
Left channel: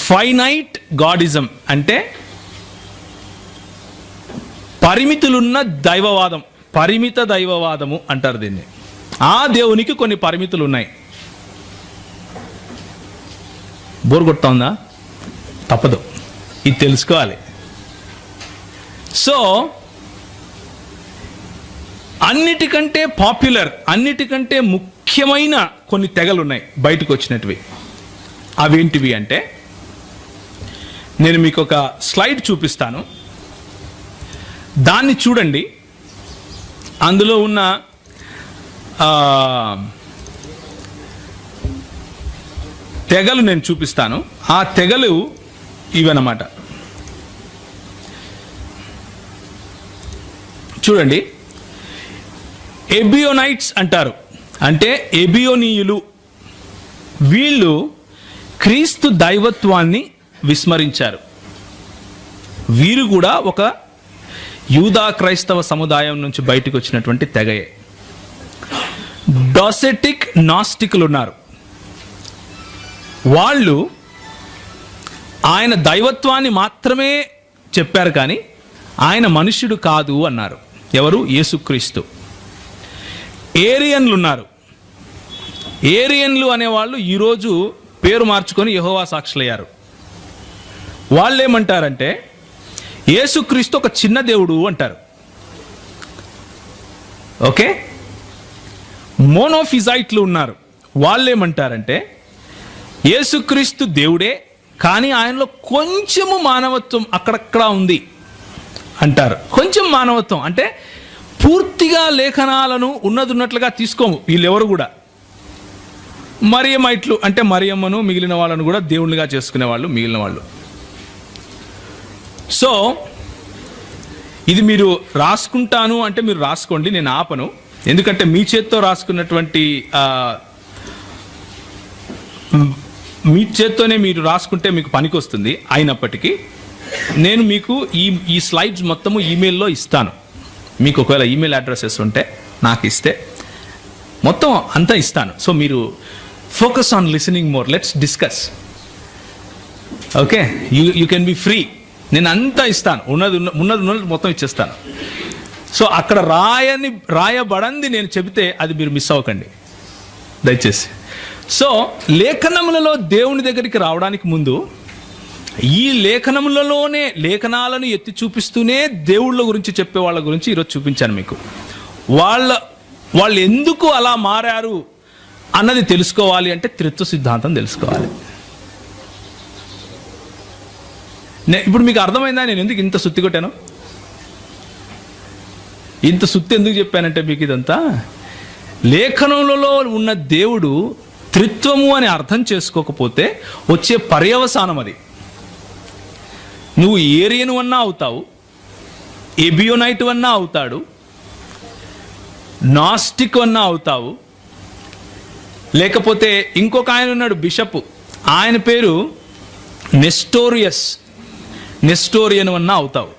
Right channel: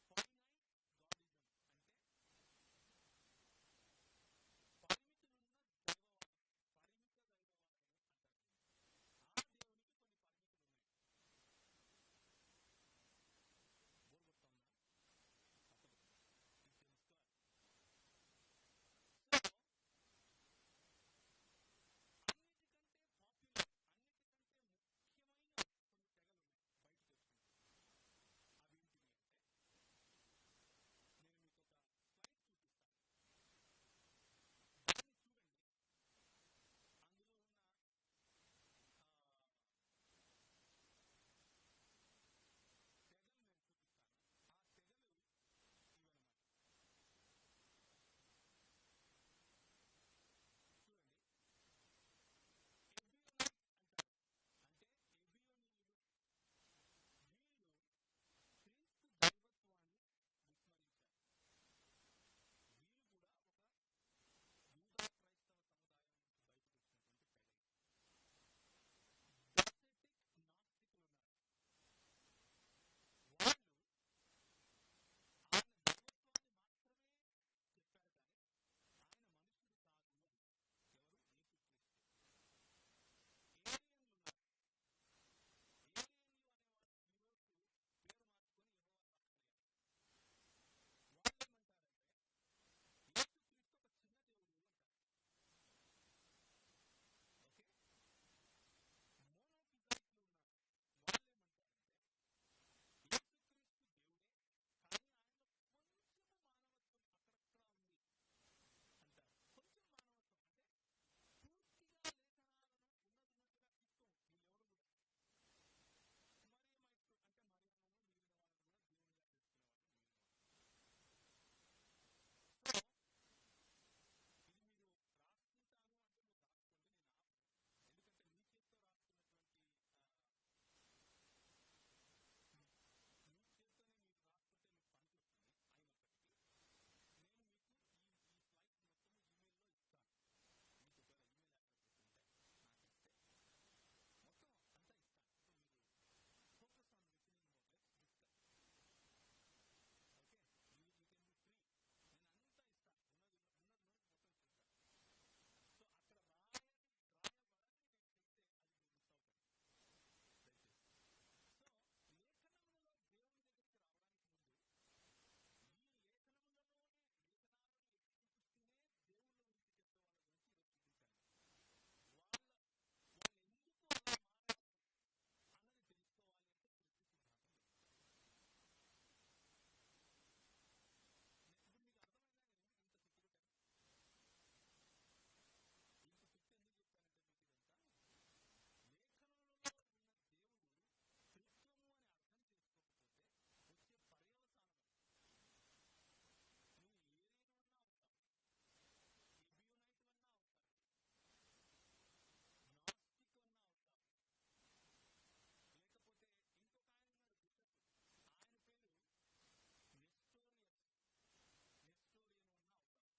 ఫైనైట్ గాడిజం. అంటే పరిమితులున్న దైవవాదం, పరిమిత దైవవాదము అంటారు దీన్ని. ఆ దేవునికి కొన్ని పరిమితులు ఉన్నాయి. బోర్ కొడుతోందా? తప్పదు, ఇది తెలుసుకోవాలి. సో అన్నిటికంటే పాపులర్, అన్నిటికంటే ముఖ్యమైన కొన్ని తెగలు ఉన్నాయి బయటకు వచ్చినటివి. అవేంటివి అంటే నేను మీకు ఒక స్లైడ్ చూపిస్తాను, దాన్ని చూడండి. అందులో ఉన్న తెగలు నేను చూపిస్తాను. ఆ తెగలు ఇవన్నమాట. చూడండి, ఎబియోనైట్స్ అంటారు, అంటే ఎబియోనీయులు. వీళ్ళు క్రీస్తు దైవత్వాన్ని విస్మరించారు. వీరు కూడా ఒక యూదా క్రైస్తవ సముదాయం నుంచి బయటకు వచ్చినటువంటి తెగయే. డోసెటిక్ నాస్టికులు ఉన్నారు. వాళ్ళు ఆయన దైవత్వాన్ని మాత్రమే చెప్పారు, కానీ ఆయన మనుష్యుడు కాదు అన్నారు. ఎవరు? యేసుక్రీస్తు. ఏరియన్లు ఉన్నారు. ఏరియన్లు అనేవాళ్ళు ఈరోజు పేరు మార్చుకొని యెహోవా సాక్షులయ్యారు. వాళ్ళు ఏమంటారంటే యేసుక్రీస్తు ఒక చిన్న దేవుడు అంటారు. ఓకే. మోనోఫిజైట్లు ఉన్నారు. వాళ్ళు ఏమంటారంటే యేసుక్రీస్తు దేవుడే, కానీ ఆయనలో కొంచెము మానవత్వం అక్కడక్కడ ఉంది అంటారు. కొంచెం మానవత్వం అంటే పూర్తిగా లేఖనాలను ఉన్నట్లుగా తీసుకోము వీళ్ళెవరు కూడా. మరియమైట్లు అంటే మరియమ్మను మిగిలిన వాళ్ళను కూడా దేవుళ్ళుగా చేసుకునే వాళ్ళు మిగిలిన వాళ్ళు. సో ఇది మీరు రాసుకుంటాను అంటే మీరు రాసుకోండి, నేను ఆపను. ఎందుకంటే మీ చేత్తో రాసుకున్నటువంటి మీ చేత్తోనే మీరు రాసుకుంటే మీకు పనికి వస్తుంది. అయినప్పటికీ నేను మీకు ఈ స్లైడ్స్ మొత్తము ఈమెయిల్లో ఇస్తాను. మీకు ఒకవేళ ఈమెయిల్ అడ్రసెస్ ఉంటే నాకు ఇస్తే మొత్తం అంతా ఇస్తాను. సో మీరు focus on listening more, let's discuss. Okay, you can be free. నేను అంతా ఇస్తాను, ఉన్నది మొత్తం ఇచ్చేస్తాను. సో అక్కడ రాయబడంది నేను చెబితే అది మీరు మిస్ అవ్వకండి దయచేసి. సో లేఖనములలో దేవుని దగ్గరికి రావడానికి ముందు ఈ లేఖనములలోనే లేఖనాలను ఎత్తి చూపిస్తూనే దేవుళ్ళ గురించి చెప్పే వాళ్ళ గురించి ఈరోజు చూపించాను మీకు. వాళ్ళు ఎందుకు అలా మారారు అన్నది తెలుసుకోవాలి అంటే త్రిత్వ సిద్ధాంతం తెలుసుకోవాలి. ఇప్పుడు మీకు అర్థమైందా నేను ఎందుకు ఇంత సుత్తి కొట్టాను? ఇంత సుత్తి ఎందుకు చెప్పానంటే మీకు ఇదంతా లేఖనములలో ఉన్న దేవుడు త్రిత్వము అని అర్థం చేసుకోకపోతే వచ్చే పర్యవసానం అది. నువ్వు ఏరియను అన్నా అవుతావు, ఎబియోనైట్ అన్నా అవుతాడు, నాస్టిక్ అన్నా అవుతావు, లేకపోతే ఇంకొక ఆయన ఉన్నాడు బిషప్, ఆయన పేరు నెస్టోరియన్ అన్నా అవుతావు.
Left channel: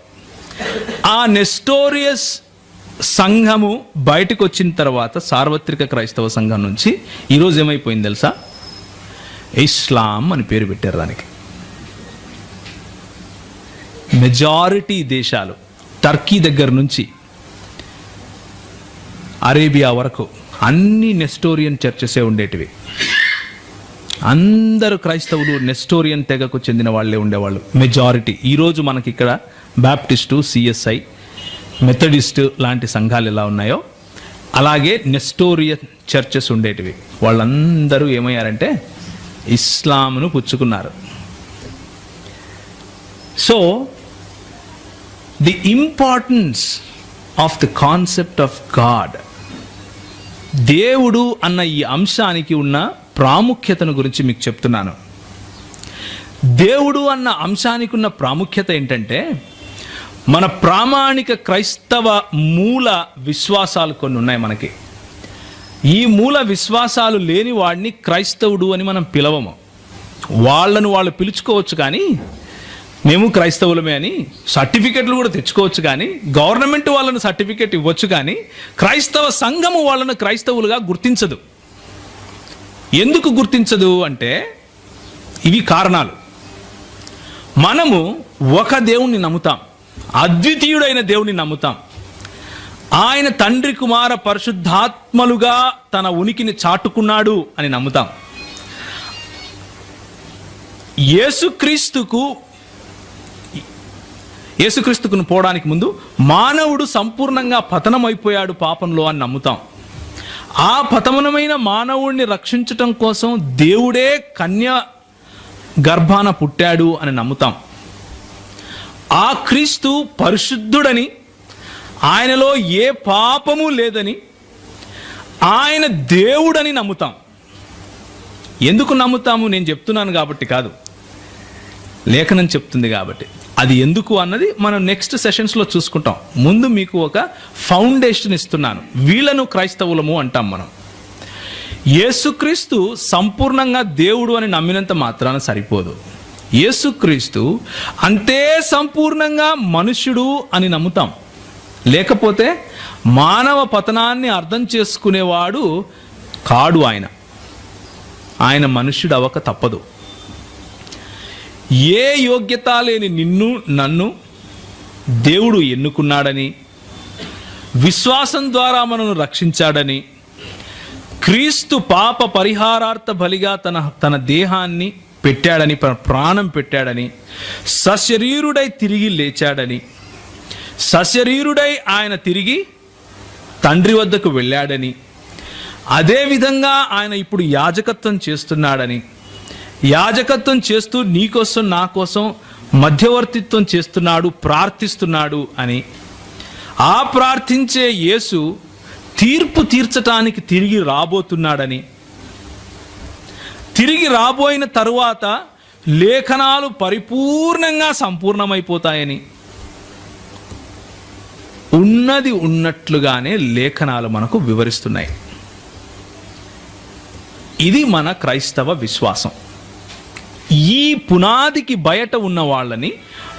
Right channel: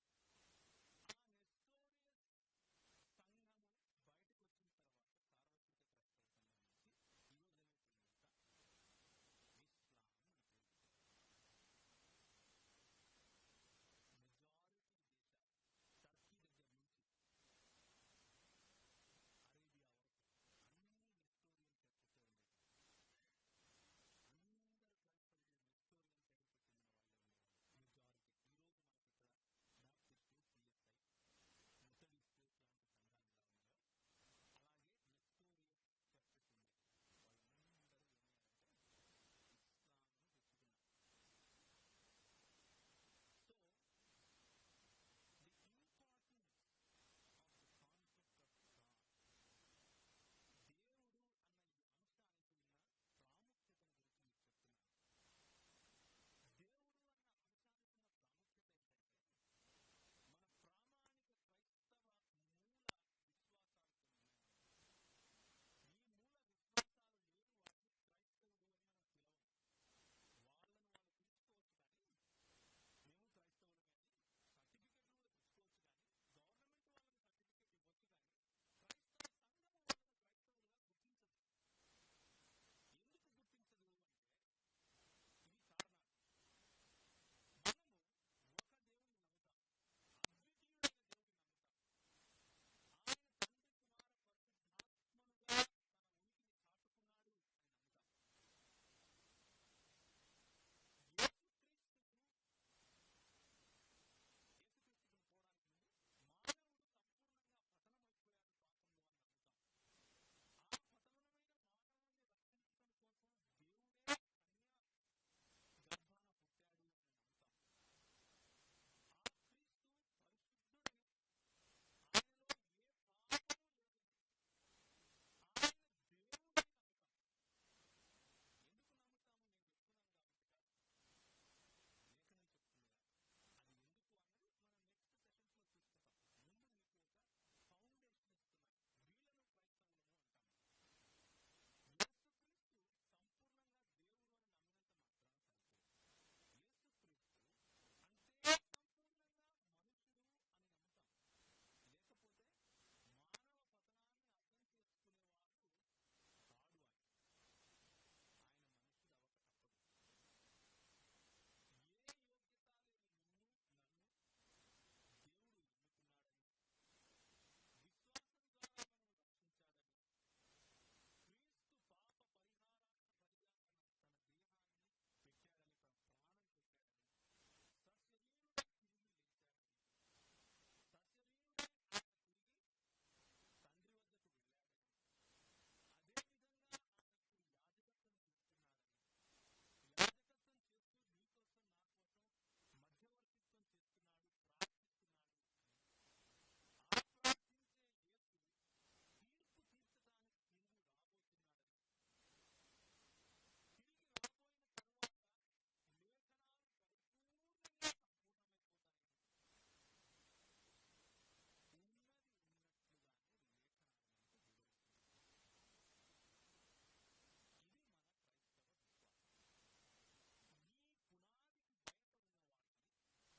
ఆ నెస్టోరియస్ సంఘము బయటకు వచ్చిన తర్వాత సార్వత్రిక క్రైస్తవ సంఘం నుంచి ఈరోజు ఏమైపోయింది తెలుసా? ఇస్లాం అని పేరు పెట్టారు దానికి. మెజారిటీ దేశాలు టర్కీ దగ్గర నుంచి అరేబియా వరకు అన్ని నెస్టోరియన్ చర్చెసే ఉండేటివి. అందరూ క్రైస్తవులు నెస్టోరియన్ తెగకు చెందిన వాళ్ళే ఉండేవాళ్ళు మెజారిటీ. ఈరోజు మనకి ఇక్కడ బాప్టిస్టు, సిఎస్ఐ, మెథడిస్ట్ లాంటి సంఘాలు ఎలా ఉన్నాయో అలాగే నెస్టోరియన్ చర్చెస్ ఉండేటివి. వాళ్ళందరూ ఏమయ్యారంటే ఇస్లాంను పుచ్చుకున్నారు. So the importance of the concept of God, దేవుడు అన్న ఈ అంశానికి ఉన్న ప్రాముఖ్యతను గురించి మీకు చెప్తున్నాను. దేవుడు అన్న అంశానికి ఉన్న ప్రాముఖ్యత ఏంటంటే మన ప్రామాణిక క్రైస్తవ మూల విశ్వాసాలు కొన్ని ఉన్నాయి మనకి. ఈ మూల విశ్వాసాలు లేని వాడిని క్రైస్తవుడు అని మనం పిలవము. వాళ్ళను వాళ్ళు పిలుచుకోవచ్చు కానీ మేము క్రైస్తవులమే అని సర్టిఫికెట్లు కూడా తెచ్చుకోవచ్చు కానీ గవర్నమెంట్ వాళ్ళను సర్టిఫికెట్ ఇవ్వచ్చు కానీ క్రైస్తవ సంఘము వాళ్ళను క్రైస్తవులుగా గుర్తించదు. ఎందుకు గుర్తించదు అంటే ఇవి కారణాలు. మనము ఒక దేవుణ్ణి నమ్ముతాం, అద్వితీయుడైన దేవుని నమ్ముతాం. ఆయన తండ్రి, కుమార, పరిశుద్ధాత్మలుగా తన ఉనికిని చాటుకున్నాడు అని నమ్ముతాం. యేసుక్రీస్తుకును పోవడానికి ముందు మానవుడు సంపూర్ణంగా పతనమైపోయాడు పాపంలో అని నమ్ముతాం. ఆ పతనమైన మానవుడిని రక్షించటం కోసం దేవుడే కన్య గర్భాన పుట్టాడు అని నమ్ముతాం. ఆ క్రీస్తు పరిశుద్ధుడని, ఆయనలో ఏ పాపము లేదని, ఆయన దేవుడని నమ్ముతాం. ఎందుకు నమ్ముతాము? నేను చెప్తున్నాను కాబట్టి కాదు, లేఖనం చెప్తుంది కాబట్టి. అది ఎందుకు అన్నది మనం నెక్స్ట్ సెషన్స్లో చూసుకుంటాం. ముందు మీకు ఒక ఫౌండేషన్ ఇస్తున్నాను. వీళ్ళను క్రైస్తవులము అంటాం మనం. యేసుక్రీస్తు సంపూర్ణంగా దేవుడు అని నమ్మినంత మాత్రాన సరిపోదు. యేసుక్రీస్తు అంతే సంపూర్ణంగా మనుష్యుడు అని నమ్ముతాం. లేకపోతే మానవ పతనాన్ని అర్థం చేసుకునేవాడు కాడు. ఆయన మనుష్యుడు అవ్వక తప్పదు. ఏ యోగ్యత లేని నన్ను దేవుడు ఎన్నుకున్నాడని, విశ్వాసం ద్వారా మనను రక్షించాడని, క్రీస్తు పాప పరిహారార్థ బలిగా తన దేహాన్ని పెట్టాడని, ప్రాణం పెట్టాడని, సశరీరుడై తిరిగి లేచాడని, సశరీరుడై ఆయన తిరిగి తండ్రి వద్దకు వెళ్ళాడని, అదేవిధంగా ఆయన ఇప్పుడు యాజకత్వం చేస్తున్నాడని, యాజకత్వం చేస్తూ నీకోసం నా కోసం మధ్యవర్తిత్వం చేస్తున్నాడు, ప్రార్థిస్తున్నాడు అని, ఆ ప్రార్థించే యేసు తీర్పు తీర్చటానికి తిరిగి రాబోతున్నాడని, తిరిగి రాబోయిన తరువాత లేఖనాలు పరిపూర్ణంగా సంపూర్ణమైపోతాయని, ఉన్నది ఉన్నట్లుగానే లేఖనాలు మనకు వివరిస్తున్నాయి. ఇది మన క్రైస్తవ విశ్వాసం. ఈ పునాదికి బయట ఉన్న వాళ్ళని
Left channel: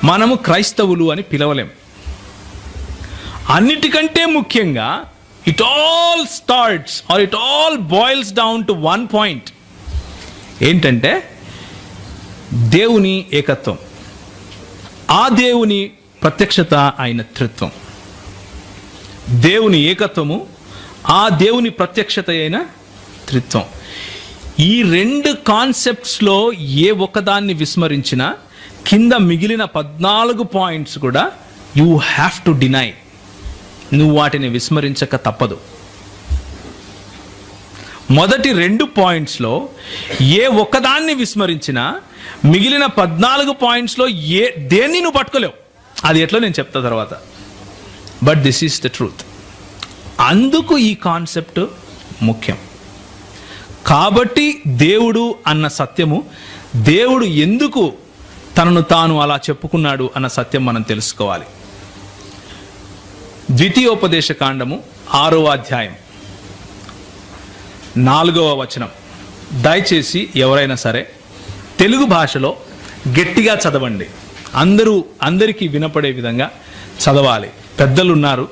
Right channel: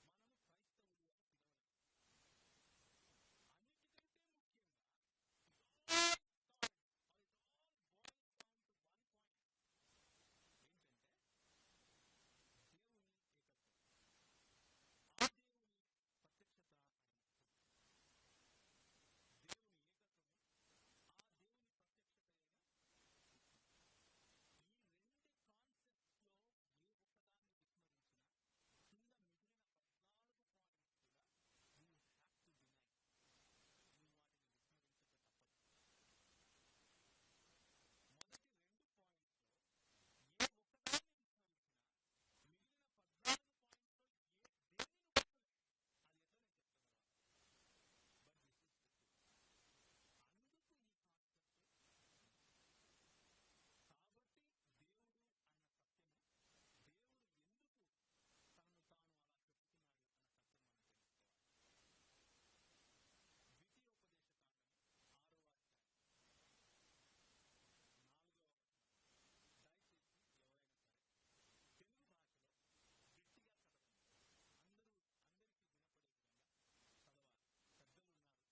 మనము క్రైస్తవులు అని పిలవలేం. అన్నిటికంటే ముఖ్యంగా it all starts or it all boils down to one point. ఏంటంటే దేవుని ఏకత్వం, ఆ దేవుని ప్రత్యక్షత అయిన త్రిత్వం. దేవుని ఏకత్వము, ఆ దేవుని ప్రత్యక్షత అయిన త్రిత్వం. ఈ రెండు కాన్సెప్ట్స్లో ఏ ఒక్కదాన్ని విస్మరించినా కింద మిగిలిన 14 పాయింట్స్ కూడా యూ హ్యావ్ టు డినై. నువ్వు వాటిని విస్మరించక తప్పదు. మొదటి 2 పాయింట్స్లో ఏ ఒక్కదాన్ని విస్మరించినా మిగిలిన 14 పాయింట్స్లో దేన్ని నువ్వు పట్టుకోలేవు. అది ఎట్లా నేను చెప్తా తర్వాత. But this is the truth. అందుకు ఈ కాన్సెప్ట్ ముఖ్యం. కాబట్టి దేవుడు అన్న సత్యము, దేవుడు ఎందుకు తనను తాను అలా చెప్పుకున్నాడు అన్న సత్యం మనం తెలుసుకోవాలి. ద్వితీయోపదేశ కాండము 6వ అధ్యాయం 4వ వచనం. దయచేసి ఎవరైనా సరే తెలుగు భాషలో గట్టిగా చదవండి. అందరికీ వినపడే విధంగా చదవాలి. పెద్దలు ఉన్నారు,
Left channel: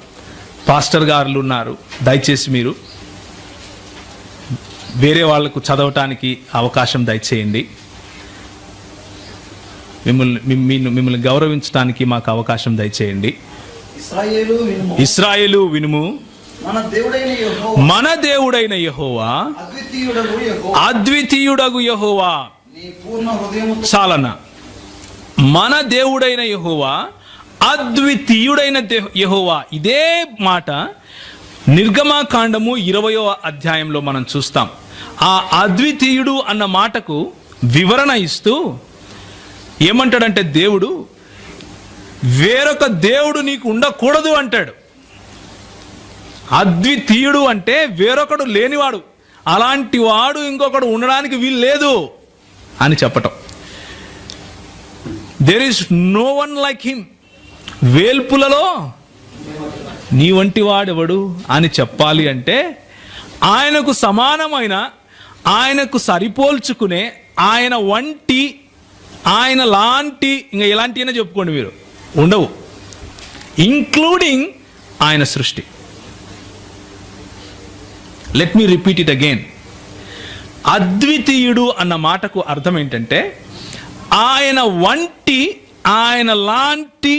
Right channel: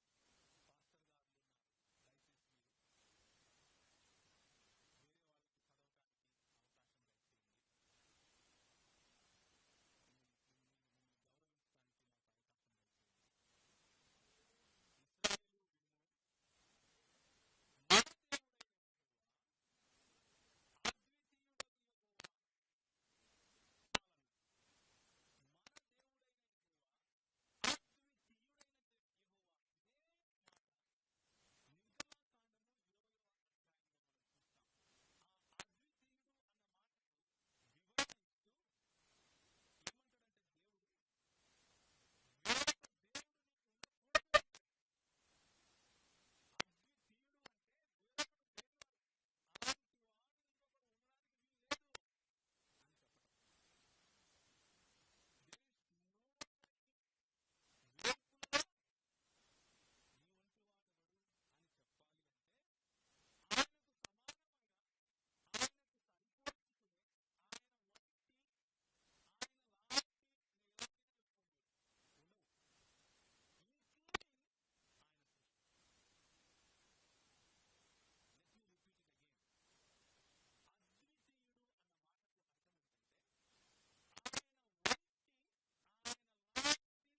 పాస్టర్ గారులు ఉన్నారు. దయచేసి మీరు వేరే వాళ్లకు చదవటానికి అవకాశం దయచేయండి. మిమ్మల్ని గౌరవించడానికి మాకు అవకాశం దయచేయండి. ఇశ్రాయేలు వినుము, మన దేవుడైన యెహోవా అద్వితీయుడగు యెహోవా. చాలన మన దేవుడైన యెహోవా అద్వితీయుడైన యెహోవా. ఇదే మాట నిర్గమకాండము 20వ అధ్యాయంలో మనం చూస్తాం. ఆ అద్వితీయుడు అన్న మాటకు వివరణ ఇస్తూ ఏమంటాడంటే, దేవుడు వేరొక దేవుడు నీకు ఉండకూడదు అంటాడు. అద్వితీయుడు అంటే వేరొకడు లేనివాడు, అలాంటి వాడు ఇంకొకడు ఉండడానికి వీలు లేదు అని చెప్పటం. There is no one like him. వేల్పులలో నీ వంటి వాడెవడు అని చెప్పాలి అంటే ఆయనకు సమానమైన, ఆయనకు సరిపోల్చుకునే, ఆయన వంటి, ఆయన లాంటి, ఇంకా ఎలాంటి అయినా చెప్పుకోండి మీరు, ఉండవు. ఇంక్లూడింగ్ ఆయన సృష్టి. Let me repeat it again. అద్వితీయుడు అన్న మాటకు అర్థం ఏంటంటే ఆయన వంటి, ఆయన లాంటి,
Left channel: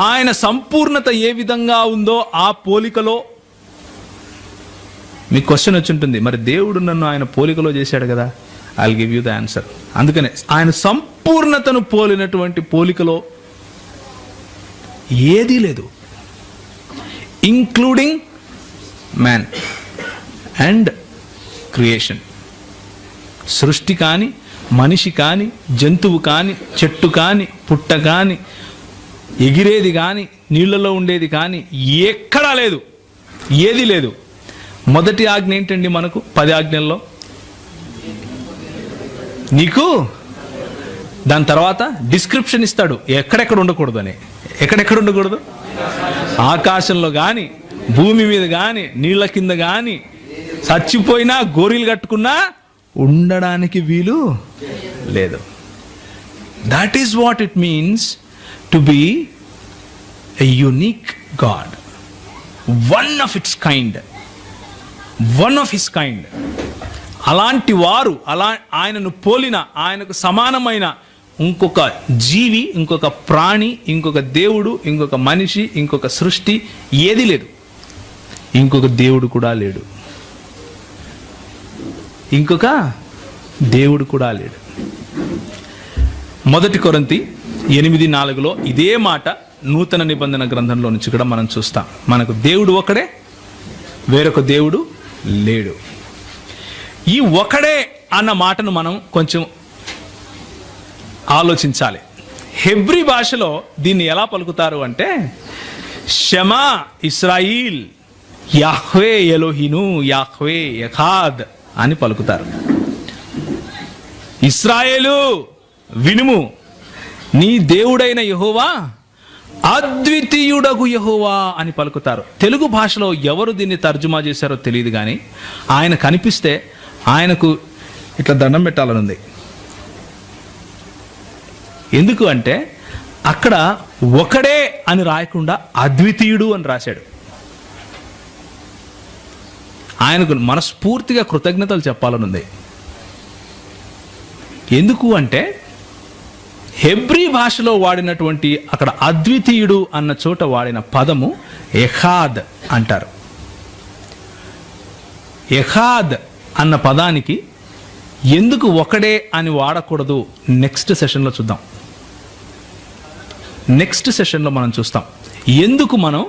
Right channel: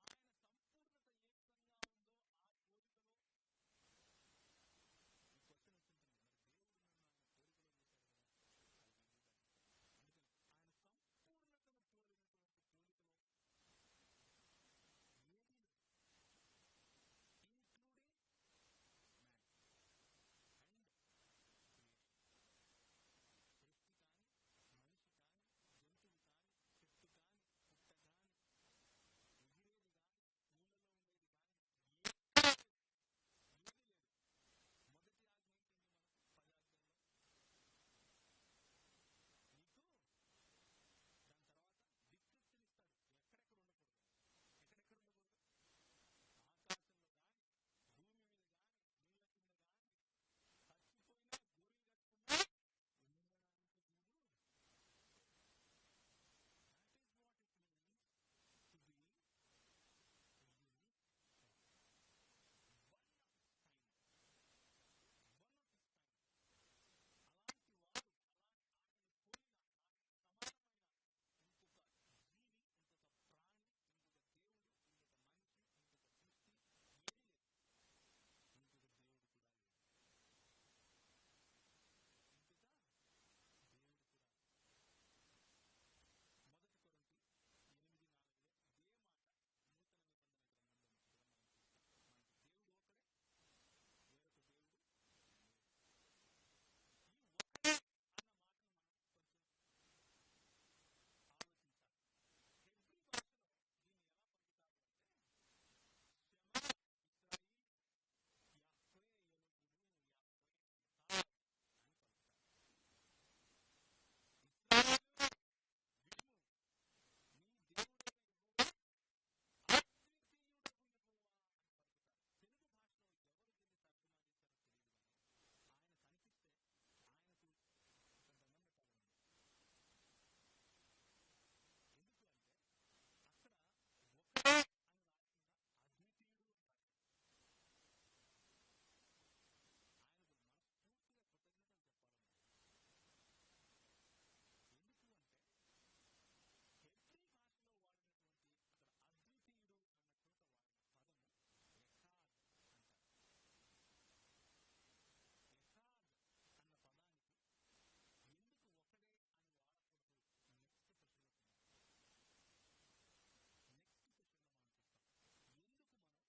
ఆయన సంపూర్ణత ఏ విధంగా ఉందో ఆ పోలికలో. మీకు క్వశ్చన్ వచ్చి ఉంటుంది, మరి దేవుడు నన్ను ఆయన పోలికలో చేశాడు కదా. I will give you the answer. అందుకనే ఆయన సంపూర్ణతను పోలినటువంటి పోలికలో ఏదీ లేదు, ఇంక్లూడింగ్ మ్యాన్ అండ్ క్రియేషన్. సృష్టి కానీ, మనిషి కానీ, జంతువు కానీ, చెట్టు కానీ, పుట్ట కానీ, ఎగిరేది కానీ, నీళ్లలో ఉండేది కానీ ఎక్కడా లేదు, ఏది లేదు. మొదటి ఆజ్ఞ ఏంటండి మనకు 10 ఆజ్ఞల్లో? నీకు దాని తర్వాత డిస్క్రిప్షన్ ఇస్తాడు ఎక్కడెక్కడ ఉండకూడదు అని. ఎక్కడెక్కడ ఉండకూడదు? ఆకాశంలో కానీ, భూమి మీద కానీ, నీళ్ల కింద కానీ, చచ్చిపోయినా గోరీలు కట్టుకున్నా ఉండడానికి వీలు లేదు. That is what it means to be a unique God, one of its kind, one of his kind. అలాంటి వారు, ఆయనను పోలిన, ఆయనకు సమానమైన ఇంకొక జీవి, ఇంకొక ప్రాణి, ఇంకొక దేవుడు, ఇంకొక మనిషి, ఇంకొక సృష్టి ఏది లేదు. ఇంకొక దేవుడు కూడా లేడు, ఇంకొక దేవుడు కూడా లేడు. 1 కొరింథీ 8:4 ఇదే మాట నూతన నిబంధన గ్రంథంలో నుంచి కూడా మనం చూస్తాం. మనకు దేవుడు ఒకడే, వేరొక దేవుడు లేడు. ఈ ఒకడే అన్న మాటను మనం కొంచెం ఆలోచించాలి. హెబ్రీ భాషలో దీన్ని ఎలా పలుకుతారు అంటే షమా ఇస్రాయిల్, యాహ్వే ఎలోహిను, యాహ్వే యెహాద్ అని పలుకుతారు. ఇశ్రాయేలు వినుము, నీ దేవుడైన యెహోవా అద్వితీయుడగు యెహోవా అని పలుకుతారు. తెలుగు భాషలో ఎవరు దీన్ని తర్జుమా చేశారో తెలియదు, కానీ ఆయన కనిపిస్తే ఆయనకు ఇట్లా దండం పెట్టాలనుంది. ఎందుకు అంటే అక్కడ ఒకడే అని రాయకుండా అద్వితీయుడు అని రాశాడు. ఆయనకు మనస్ఫూర్తిగా కృతజ్ఞతలు చెప్పాలనుంది. ఎందుకు అంటే హెబ్రీ భాషలో వాడినటువంటి అక్కడ అద్వితీయుడు అన్న చోట వాడిన పదము ఎహాద్ అంటారు. ఎహాద్ అన్న పదానికి ఎందుకు ఒకడే అని వాడకూడదు నెక్స్ట్ సెషన్లో చూద్దాం. నెక్స్ట్ సెషన్లో మనం చూస్తాం ఎందుకు మనం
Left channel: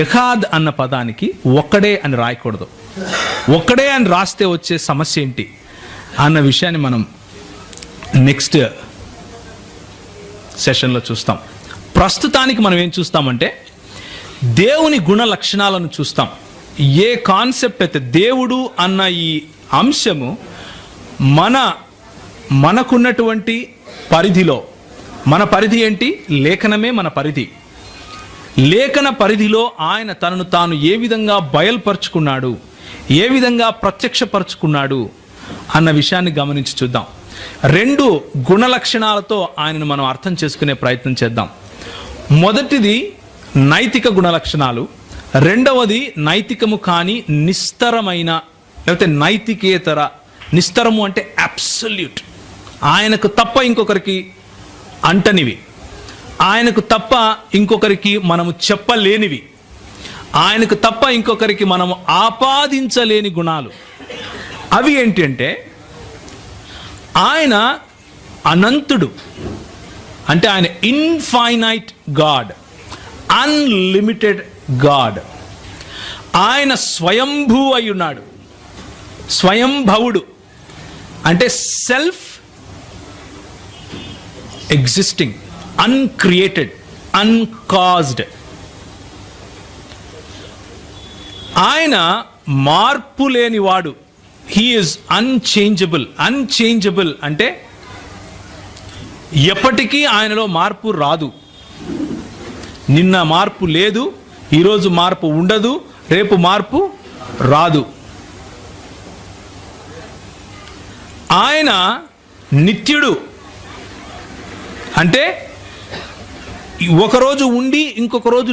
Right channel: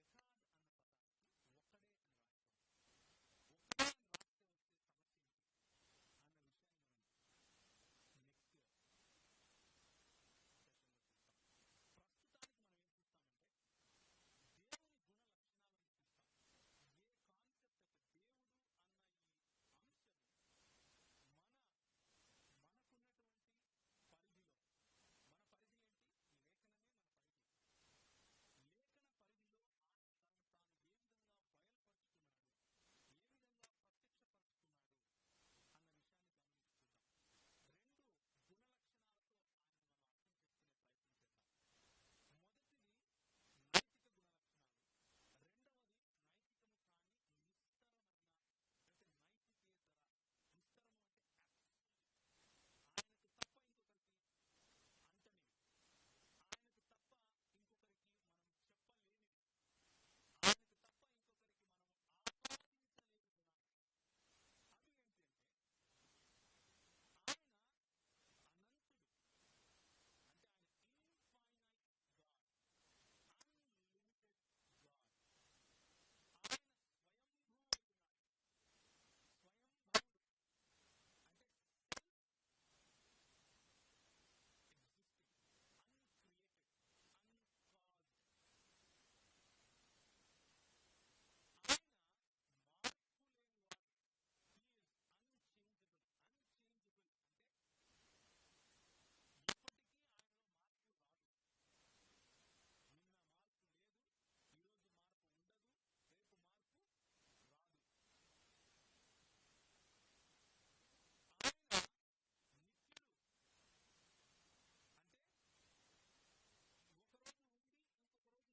ఎహాద్ అన్న పదానికి ఒక్కడే అని రాయకూడదు, ఒక్కడే అని రాస్తే వచ్చే సమస్య ఏంటి అన్న విషయాన్ని మనం నెక్స్ట్ సెషన్లో చూస్తాం. ప్రస్తుతానికి మనం ఏం చూస్తామంటే దేవుని గుణ లక్షణాలను చూస్తాం. ఏ కాన్సెప్ట్ అయితే దేవుడు అన్న ఈ అంశము మనకున్నటువంటి పరిధిలో, మన పరిధి ఏంటి? లేఖనమే మన పరిధి. లేఖన పరిధిలో ఆయన తనను తాను ఏ విధంగా బయలుపరుచుకున్నాడు, ఏ విధంగా ప్రత్యక్షపరుచుకున్నాడు అన్న విషయాన్ని గమనించి చూద్దాం. 2 గుణ లక్షణాలతో ఆయనను మనం అర్థం చేసుకునే ప్రయత్నం చేద్దాం. మొదటిది నైతిక గుణ లక్షణాలు, రెండవది నైతికము కాని నిస్తరమైన, లేకపోతే నైతికేతర. నిస్తరము అంటే అబ్సల్యూట్, ఆయనకు తప్ప ఇంకొకరికి అంటనివి, ఆయనకు తప్ప ఇంకొకరికి మనము చెప్పలేనివి, ఆయనకు తప్ప ఇంకొకరికి మనము ఆపాదించలేని గుణాలు. అవి ఏంటి అంటే ఆయన అనంతుడు, అంటే ఆయన ఇన్ఫైనైట్ గాడ్, అన్లిమిటెడ్ గాడ్. ఆయన స్వయంభూ అయి ఉన్నాడు, స్వయంభవుడు అంటే సెల్ఫ్ ఎగ్జిస్టింగ్, అన్క్రియేటెడ్, అన్కాజ్డ్. ఆయన మార్పు లేనివాడు. He is unchangeable. అన్చేంజబుల్ అంటే ఎప్పటికీ ఆయనలో మార్పు రాదు. నిన్న మార్పు లేదు, ఈరోజు మార్పు ఉండదు, రేపు మార్పు రాదు. ఆయన నిత్యుడు, అంటే ఒకరోజు ఉండి ఇంకొక రోజు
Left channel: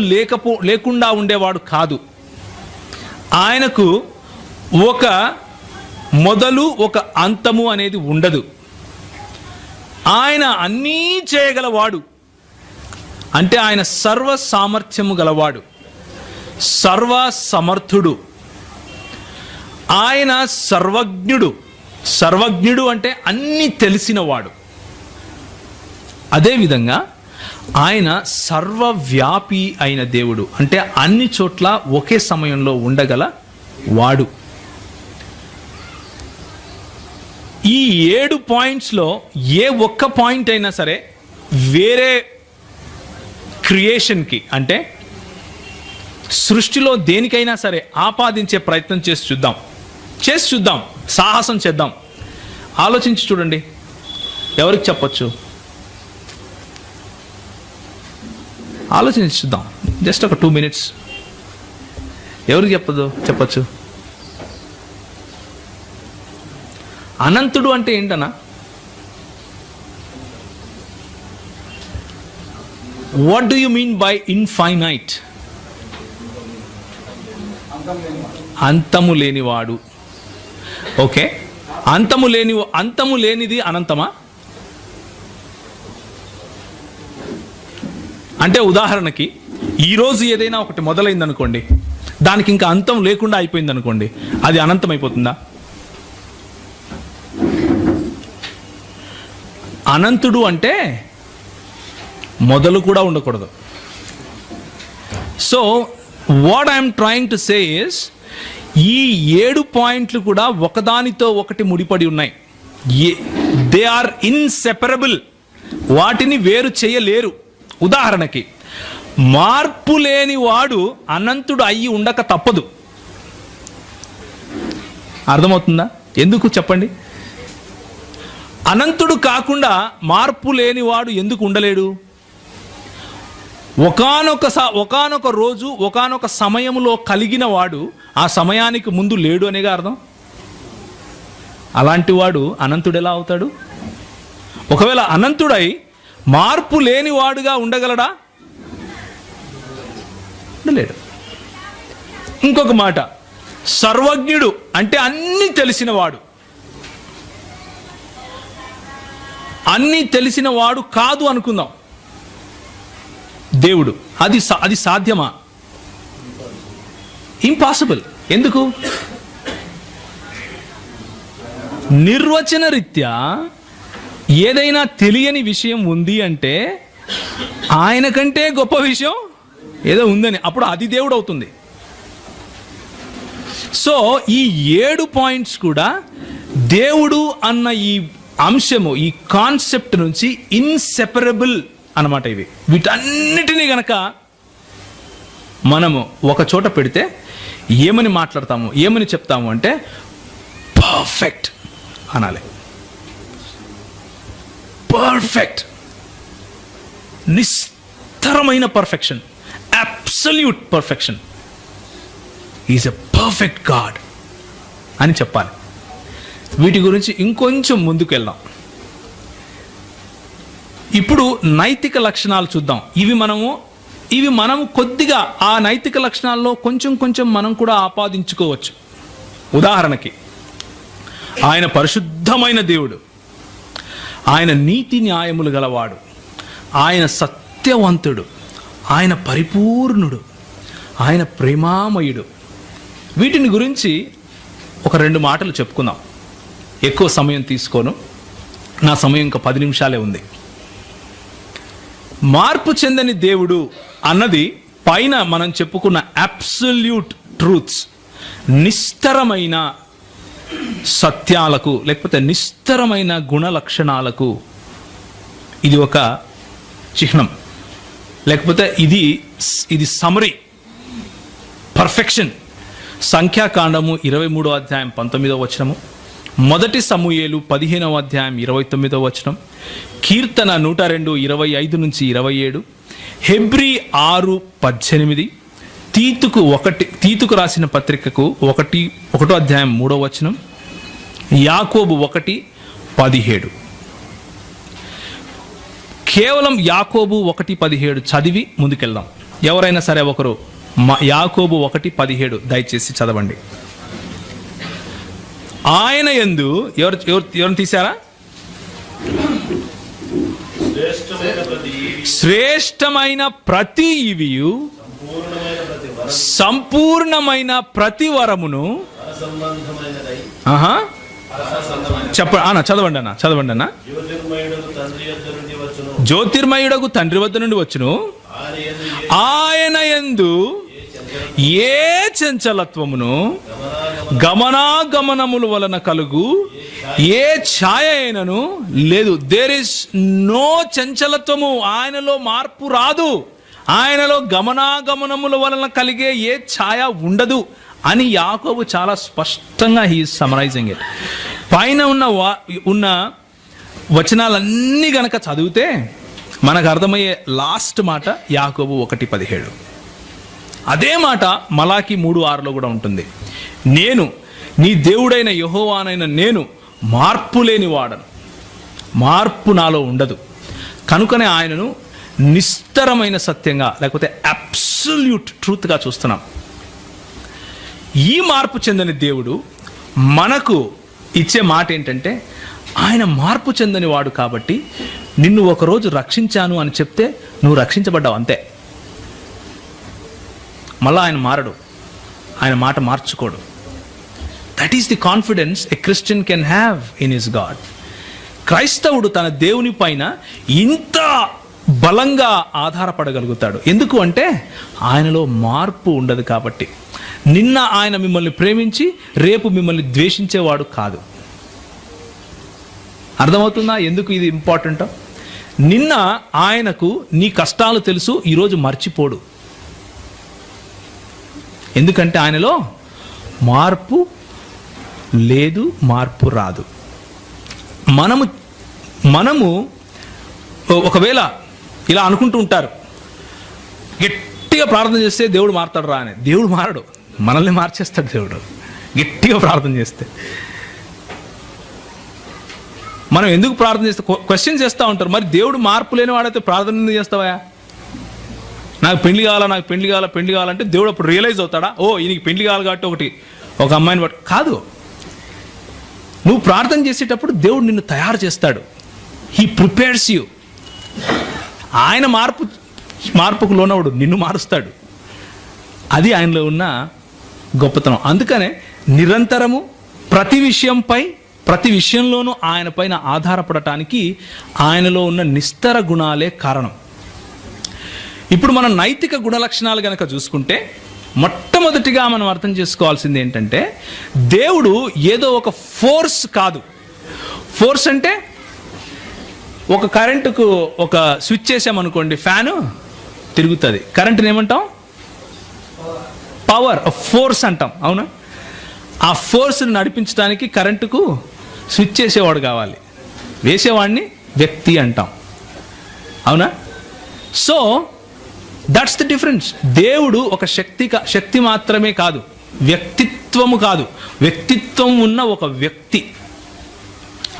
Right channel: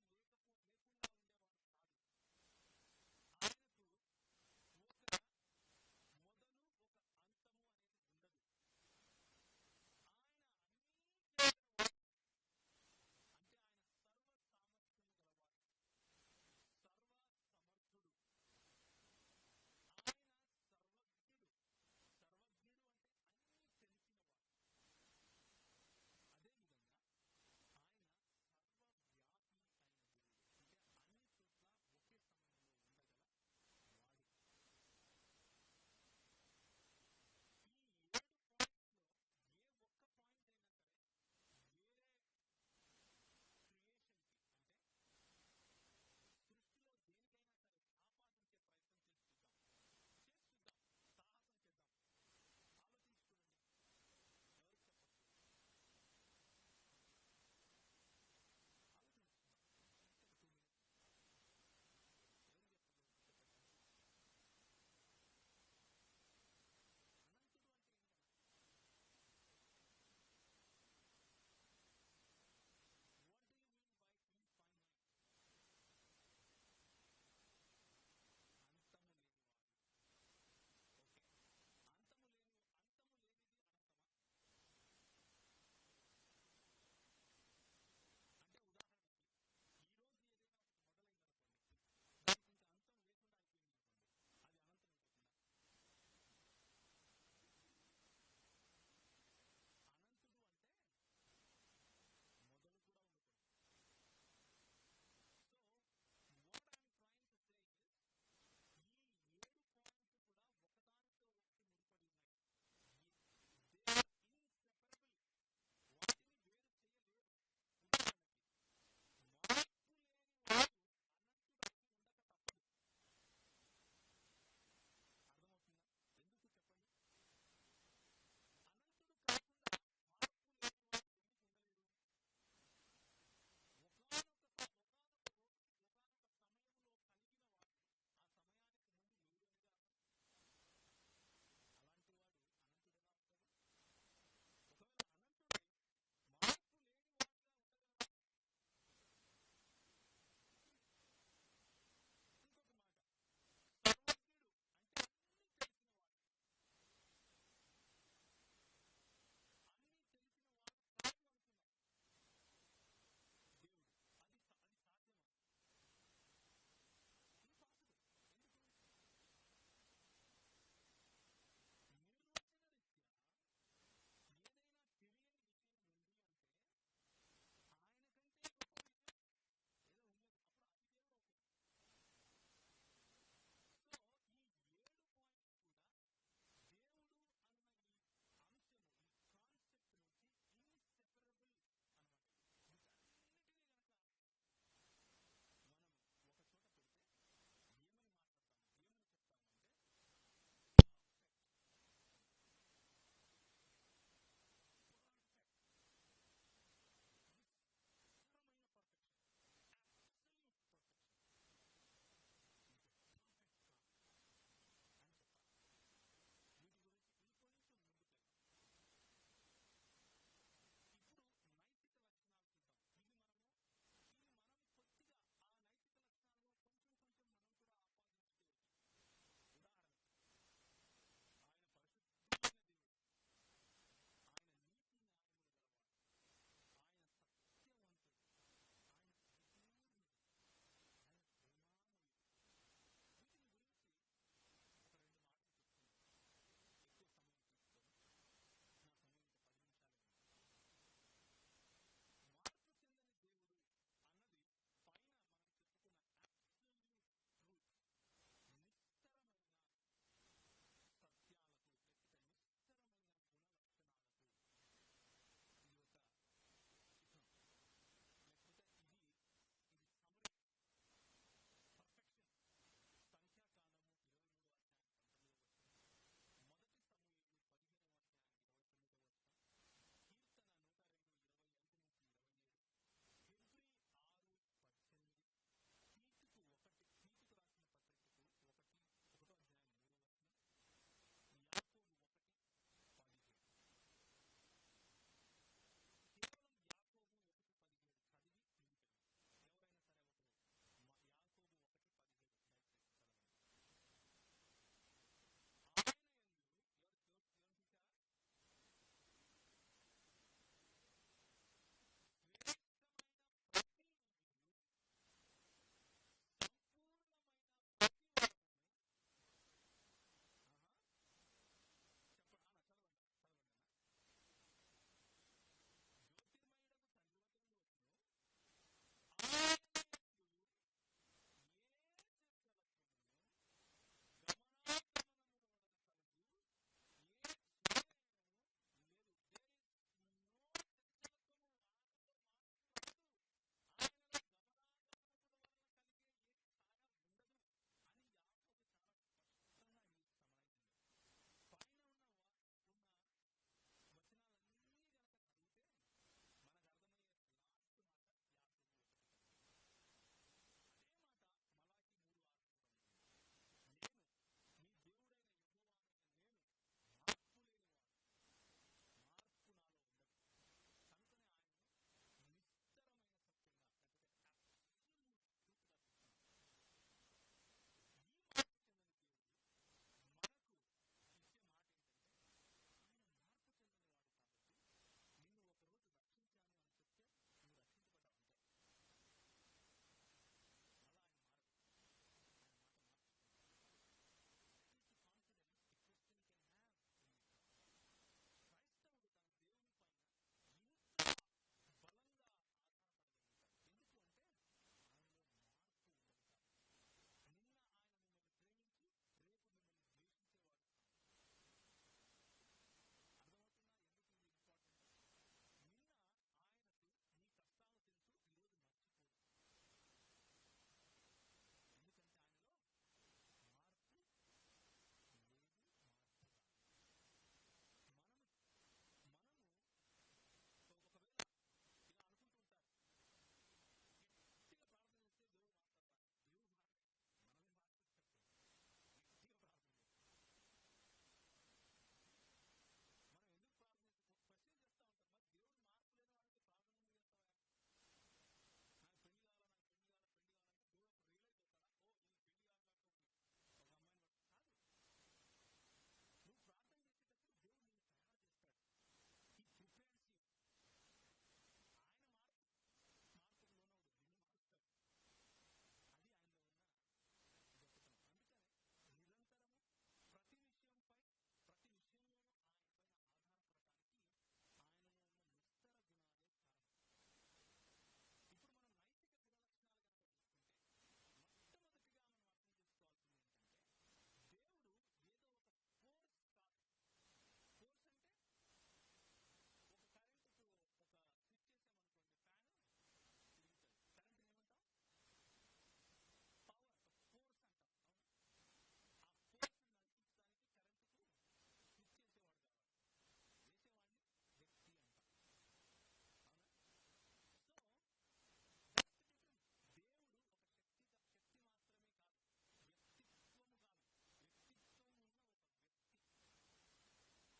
లేకుండా ఉండేవాడు కాదు. ఆయనకు ఒక మొదలు ఒక అంతము అనేది ఉండదు. ఆయన అన్నీ చేయగలవాడు, అంటే ఆయన సర్వ సామర్థ్యము గలవాడు, సర్వ సమర్థుడు. ఆయన సర్వజ్ఞుడు. సర్వజ్ఞుడు అంటే అన్నీ తెలిసినవాడు. అదేవిధంగా ఆయన సర్వవ్యాపి అయిన దేవుడు, అంటే అన్ని చోట్ల ఒకే సమయంలో ఉండగల వాడు. ఈ 7 పాయింట్స్లో ఏ ఒక్క పాయింట్ అయినా సరే వేరే క్రియేషన్కి, అంటే సృష్టిలో దేనికైనా సరే ఆపాదించే ప్రయత్నం చేసి చూద్దాం, సాహసం చేద్దాం. ఆలోచించి చూడండి, ఎవరికి చెప్పొచ్చు? ఆలోచించి చూద్దాం, జస్ట్ ఒక 2 minutes. ఎవరికి చెప్పచ్చు? అనంతుడు అంటే ఏంటన్నా? What do you mean by infinite? అంతము లేనివాడు. ఓకే, అంతము లేనిది అనంతమా? అంటే ఉదాహరణకి ఈరోజు ఏదైనా ఒకటి మొదలైంది అనుకోండి, దానికి ఇంకా అంతం లేకుండా అయిపోయింది అనుకోండి, అది అనంతం అయిపోతుందా? అనంతుడు అంటే మొదలు కూడా ఉండకూడదు. So what I'm trying to say is, ఈ 7 పాయింట్లు కూడా ఒకదానితో ఒకటి ముడిపడి ఉన్నాయి. They are inseparable. వాటిని వేరు చేయలేరు. ఉదాహరణకి మార్పు లేని వాడు అనంతుడు అయ్యి ఉండక తప్పదు. అర్థమవుతుందా? ఎందుకు చెప్పండి? అనంతుడు కాకుండా మార్పు లేనివాడు ఎందుకు ఉండలేడు? ఒకానొక రోజు ఒకానొక సమయంలో కలిగిన వాడు ఆ సమయానికి ముందు లేడు అనేగా అర్థం. అలాంటి వాడు అనంతుడు ఎలా అవుతాడు? ఒకవేళ అనంతుడై మార్పు లేనివాడుగా ఉండగలడా? ఉండలేడు. ఇంకొక మాట, సర్వజ్ఞుడు అంటే అన్నీ తెలిసినవాడు. అన్నీ తెలిసిన వాడు కాదు అనుకుందాం దేవుడు. అది సాధ్యమా? ఇంపాసిబుల్. ఎందుకు? నిర్వచన రీత్యా ఏదైనా తెలియని విషయం ఉంది అంటే ఆయన కంటే గొప్ప విషయం ఏదో ఉందని, అప్పుడు అది దేవుడు అవుతుంది. సో ఈ 7 పాయింట్స్ కూడా దేవుడు అన్న ఈ అంశము, ఈ కాన్సెప్ట్ నుంచి ఇన్సెపరబుల్ అన్నమాట. ఇవి వీటన్నిటినీ గనక మనము ఒక చోట పెడితే ఏమని మాట్లాడతాము, ఏమని చెప్తాము అంటే పర్ఫెక్ట్ అనాలి. పర్ఫెక్ట్, నిస్తరమైన perfection, absolute perfection. Is a perfect God అని చెప్పాలి. వీటి గురించి ఇంకొంచెం ముందుకు వెళ్దాం. ఇప్పుడు నైతిక లక్షణాలు చూద్దాం. ఇవి మనము కొద్దిగా ఆ నైతిక లక్షణాల్లో కొంచెం మనం కూడా ఆపాదించుకోవచ్చు. ఉదాహరణకి, ఆయన పరిశుద్ధమైన దేవుడు, ఆయన నీతి న్యాయములు గలవాడు, ఆయన సత్యవంతుడు, ఆయన పరిపూర్ణుడు, ఆయన ప్రేమామయుడు. వీటిని గురించి ఒక 2 మాటలు చెప్పుకుందాం. ఎక్కువ సమయం తీసుకోను, నా సమయం ఇంకా 10 నిమిషాలే ఉంది. మార్పు చెందని దేవుడు అన్నది పైన మనం చెప్పుకున్న అబ్సల్యూట్ ట్రూత్స్, నిస్తరమైన సత్యాలకు లేకపోతే నిస్తరమైన గుణ లక్షణాలకు ఇది ఒక చిహ్నం, లేకపోతే ఇది సమరీ, పర్ఫెక్షన్. సంఖ్యాకాండము 23వ అధ్యాయం 19వ వచనము, 1 సమూయేలు 15వ అధ్యాయం 29వ వచనం, కీర్తన 102 25 నుంచి 27, హెబ్రీ 6:18, తీతుకు రాసిన పత్రికకు 1వ అధ్యాయం 3వ వచనం, యాకోబు 1:17. కేవలం యాకోబు 1:17 చదివి ముందుకెళ్దాం. ఎవరైనా సరే ఒకరు యాకోబు 1:17 దయచేసి చదవండి. ఆయన యందు ఎవరు తీశారా? శ్రేష్టమైన ప్రతి ఈవియు, సంపూర్ణమైన ప్రతి వరమును చదవండి అన్న. జ్యోతిర్మయుడకు తండ్రి వద్ద నుండి వచ్చును, ఆయన యందు ఏ చంచలత్వమును గమనాగమనముల వలన కలుగు ఏ ఛాయ అయినను లేదు. దేర్ ఇస్ నో చంచలత్వము, ఆయనలో మార్పు రాదు, ఆయనలో గమనాగమనముల వలన కలిగే ఏ ఛాయ ఉండదు అని యాకోబు చాలా స్పష్టంగా హీ ఈజ్ సమరైజింగ్ ఇట్. పైన ఉన్న వచనాలన్నీ గనక చదివితే మనకు అర్థమయ్యే లాస్ట్ మాట యాకోబు 1:17. అదే మాట మలాకి 3:6లో కూడా ఉంటుంది. నేను నీ దేవుడైన యెహోవానైన నేను మార్పు లేని వాడను, మార్పు నాలో ఉండదు, కనుకనే ఆయనను నిస్తరమైన సత్యంగా లేకపోతే అబ్సల్యూట్ ట్రూత్గా చూస్తున్నాం. ఈ మార్పు చెందని దేవుడు మనకు ఇచ్చే మాట ఏంటంటే, ఆయన మార్పు చెందని వాడు కాబట్టి నిన్ను ఒకరోజు రక్షించాను అని చెప్తే నువ్వు రక్షించబడ్డావు అంతే. మళ్ళా ఆయన మారడు, ఆయన మాట మార్చుకోడు. That is the confidence a Christian can have in his God. క్రైస్తవుడు తన దేవుని పైన ఇంత బలంగా ఆధారపడగలుగుతాడు. ఎందుకు అంటే ఆయనలో మార్పు ఉండదు కాబట్టి. నిన్న ఆయన మిమ్మల్ని ప్రేమించి రేపు మిమ్మల్ని ద్వేషించేవాడు కాదు. అర్థమవుతుందా ఎందుకు ఇది ఇంపార్టెంట్? నిన్న ఆయనకు నీ కష్టాలు తెలుసు, ఈరోజు మర్చిపోడు. ఎందుకంటే ఆయనలో మార్పు లేదు, మార్పు రాదు. మనము ఒకవేళ ఇలా అనుకుంటూ ఉంటారు, గట్టిగా ప్రార్థన చేస్తే దేవుడు మారుతాడు రా అని. దేవుడు మారడు, మనల్ని మార్చేస్తాడు దేవుడు గట్టిగా ప్రార్థన చేస్తే. మనం ఎందుకు ప్రార్థన చేస్తే క్వశ్చన్ చేస్తూ ఉంటారు, మరి దేవుడు మార్పు లేని వాడైతే ప్రార్థన ఎందుకు చేస్తావా? నాకు పెళ్లి కావాలంటే దేవుడు అప్పుడు రియలైజ్ అవుతాడా, ఓ ఈయనకి పెళ్లి కావాలి కాబట్టి ఒక అమ్మాయిని బట్టి కాదు. నువ్వు ప్రార్థన చేసేటప్పుడు దేవుడు నిన్ను తయారు చేస్తాడు. He prepares you. ఆయన మార్పుకు లోనవుడు, నిన్ను మారుస్తాడు. అది ఆయనలో ఉన్న గొప్పతనం. అందుకనే నిరంతరము ప్రతి విషయంలోనూ ఆయన పైన ఆధారపడటానికి ఆయనలో ఉన్న నిస్తర గుణాలే కారణం. ఇప్పుడు మనం నైతిక గుణలక్షణాలు కనుక చూసుకుంటే, మొట్టమొదటిగా మనం అర్థం చేసుకోవాల్సింది ఏంటంటే, దేవుడు ఏదో ఒక ఫోర్స్ కాదు. ఫోర్స్ అంటే ఒక కరెంటుకు ఒక స్విచ్ చేసామనుకోండి, ఫ్యాను తిరుగుతుంది. కరెంటుని ఏమంటాం? పవర్, ఫోర్స్ అంటాం, అవునా? ఆ ఫోర్స్ని నడిపించడానికి కరెంటుకు స్విచ్ చేసేవాడు కావాలి, వేసేవాడిని వ్యక్తి అంటాం, అవునా? So that's the difference. దేవుడు ఒక శక్తి మాత్రమే కాదు, వ్యక్తిత్వము కాదు. వ్యక్తిత్వం ఉన్న ఒక వ్యక్తి.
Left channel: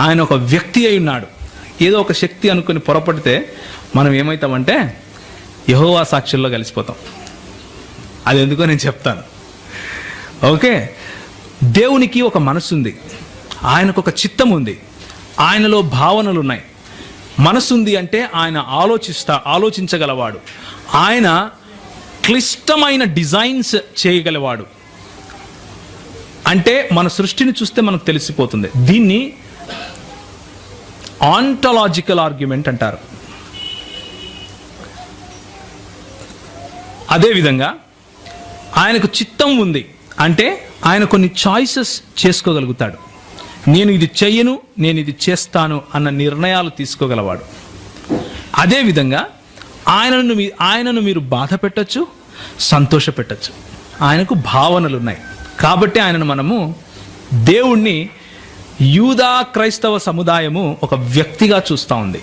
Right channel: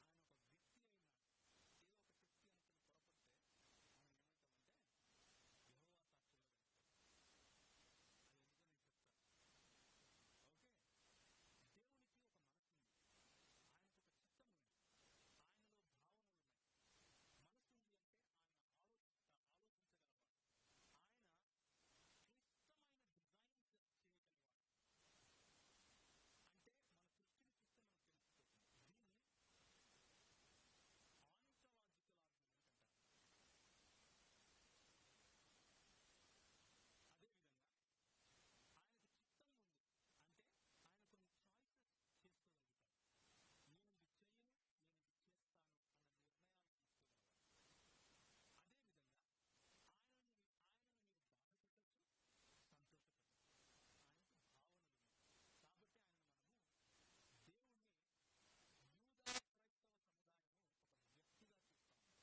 ఆయన ఒక వ్యక్తి అయి ఉన్నాడు. ఏదో ఒక శక్తి అనుకుని పొరపడితే మనం ఏమవుతామంటే యెహోవా సాక్షుల్లో కలిసిపోతాం. అది ఎందుకో నేను చెప్తాను. ఓకే, దేవునికి ఒక మనసు ఉంది, ఆయనకు ఒక చిత్తం ఉంది, ఆయనలో భావనలు ఉన్నాయి. మనసు ఉంది అంటే ఆయన ఆలోచించగలవాడు. ఆయన క్లిష్టమైన డిజైన్స్ చేయగలవాడు. అంటే మన సృష్టిని చూస్తే మనకు తెలిసిపోతుంది. దీన్ని ఆంటలాజికల్ ఆర్గ్యుమెంట్ అంటారు. అదేవిధంగా ఆయనకు చిత్తం ఉంది అంటే ఆయన కొన్ని చాయిసెస్ చేసుకోగలుగుతాడు. నేను ఇది చెయ్యను, నేను ఇది చేస్తాను అన్న నిర్ణయాలు తీసుకోగలవాడు. అదేవిధంగా ఆయనను మీరు బాధ పెట్టచ్చు, సంతోష పెట్టచ్చు. ఆయనకు భావనలు ఉన్నాయి. కాబట్టి మనము దేవుణ్ణి యూదా క్రైస్తవ సముదాయము ఒక వ్యక్తిగా చూస్తూ ఉంది.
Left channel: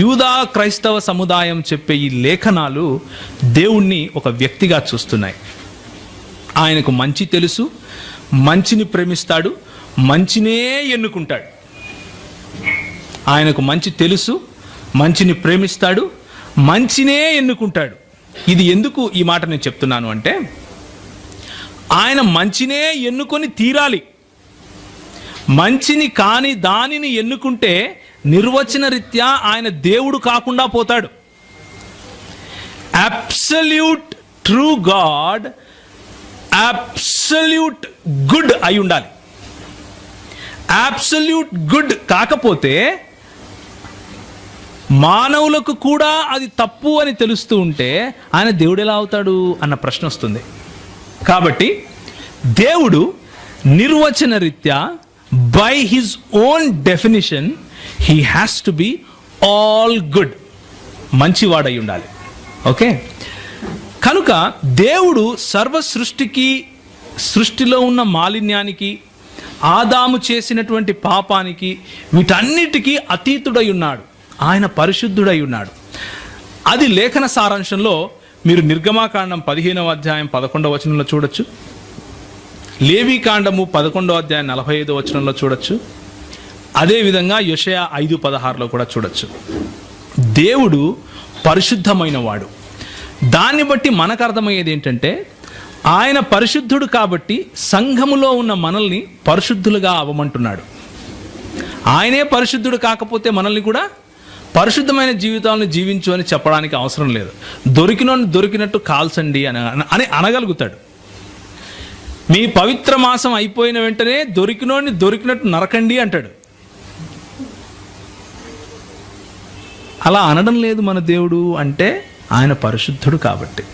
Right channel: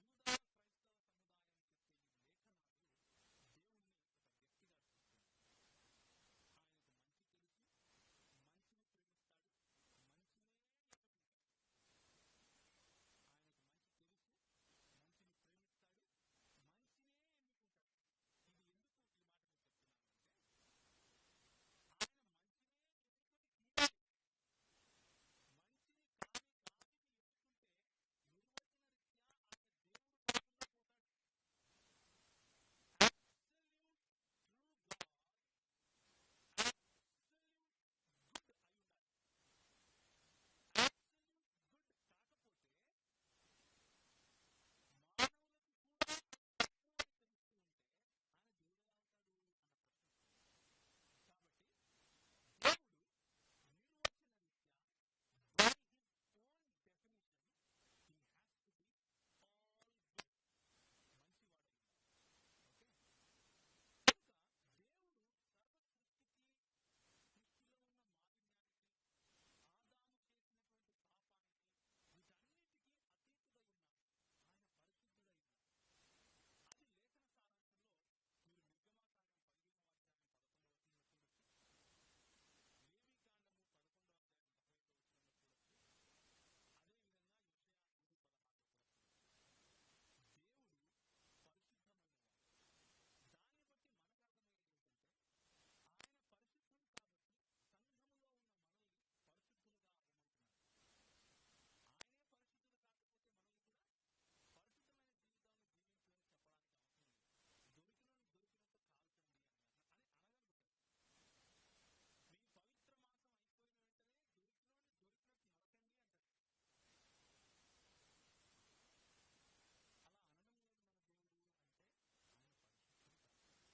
యూదా క్రైస్తవ సముదాయం చెప్పే ఈ లేఖనాలు దేవుణ్ణి ఒక వ్యక్తిగా చూస్తున్నాయి. ఆయనకు మంచి తెలుసు, మంచిని ప్రేమిస్తాడు, మంచినే ఎన్నుకుంటాడు. ఆయనకు మంచి తెలుసు, మంచిని ప్రేమిస్తాడు, మంచినే ఎన్నుకుంటాడు. ఇది ఎందుకు ఈ మాట నేను చెప్తున్నాను అంటే, ఆయన మంచినే ఎన్నుకొని తీరాలి. మంచిని కాని దానిని ఎన్నుకుంటే నిర్వచన రీత్యా ఆయన దేవుడు కాకుండా పోతాడు. Absolute true God absolute good అయి ఉండాలి. అబ్సల్యూట్ గుడ్ కాకపోతే మానవులకు కూడా అది తప్పు అని తెలుస్తూ ఉంటే ఆయన దేవుడు ఎలా అవుతాడు అన్న ప్రశ్న వస్తుంది. కాబట్టి దేవుడు నిర్వచన రీత్యా by his own definition he has to be all good, మంచివాడై ఉండాలి. ఓకే, కనుక దేవుడు సర్వ సృష్టిలో ఉన్న మాలిన్యానికి, ఆదాము చేసినటువంటి పాపానికి, వీటన్నిటికీ అతీతుడై ఉన్నాడు. ఆయన పరిశుద్ధుడై ఉన్నాడు. అది లేఖన సారాంశంలో మీరు నిర్గమాకాండం 15వ అధ్యాయం 11వ వచనంలో చూడొచ్చు. లేవీకాండము 11వ అధ్యాయం 45వ వచనంలో చూడొచ్చు. అదేవిధంగా యెషయా 5:16లో కూడా చూడొచ్చు. దేవుడు పరిశుద్ధమైన వాడు. దాన్ని బట్టి మనకు అర్థమయ్యేది ఏంటంటే, ఆయన పరిశుద్ధుడు కాబట్టి సంఘములో ఉన్న మనల్ని పరిశుద్ధులుగా అవ్వమంటున్నాడు. ఆయనే పరిశుద్ధుడు కాకపోతే మనల్ని కూడా పరిశుద్ధమైన జీవితాలను జీవించు అని చెప్పడానికి అవసరం లేదు. దొరికినట్టు కాల్చండి అని అనగలుగుతాడు. మీ పవిత్ర మాసం అయిపోయిన వెంటనే దొరికినట్టు నరకండి అంటాడు. అలా అనడం లేదు మన దేవుడు. అంటే ఆయన పరిశుద్ధుడు కాబట్టి.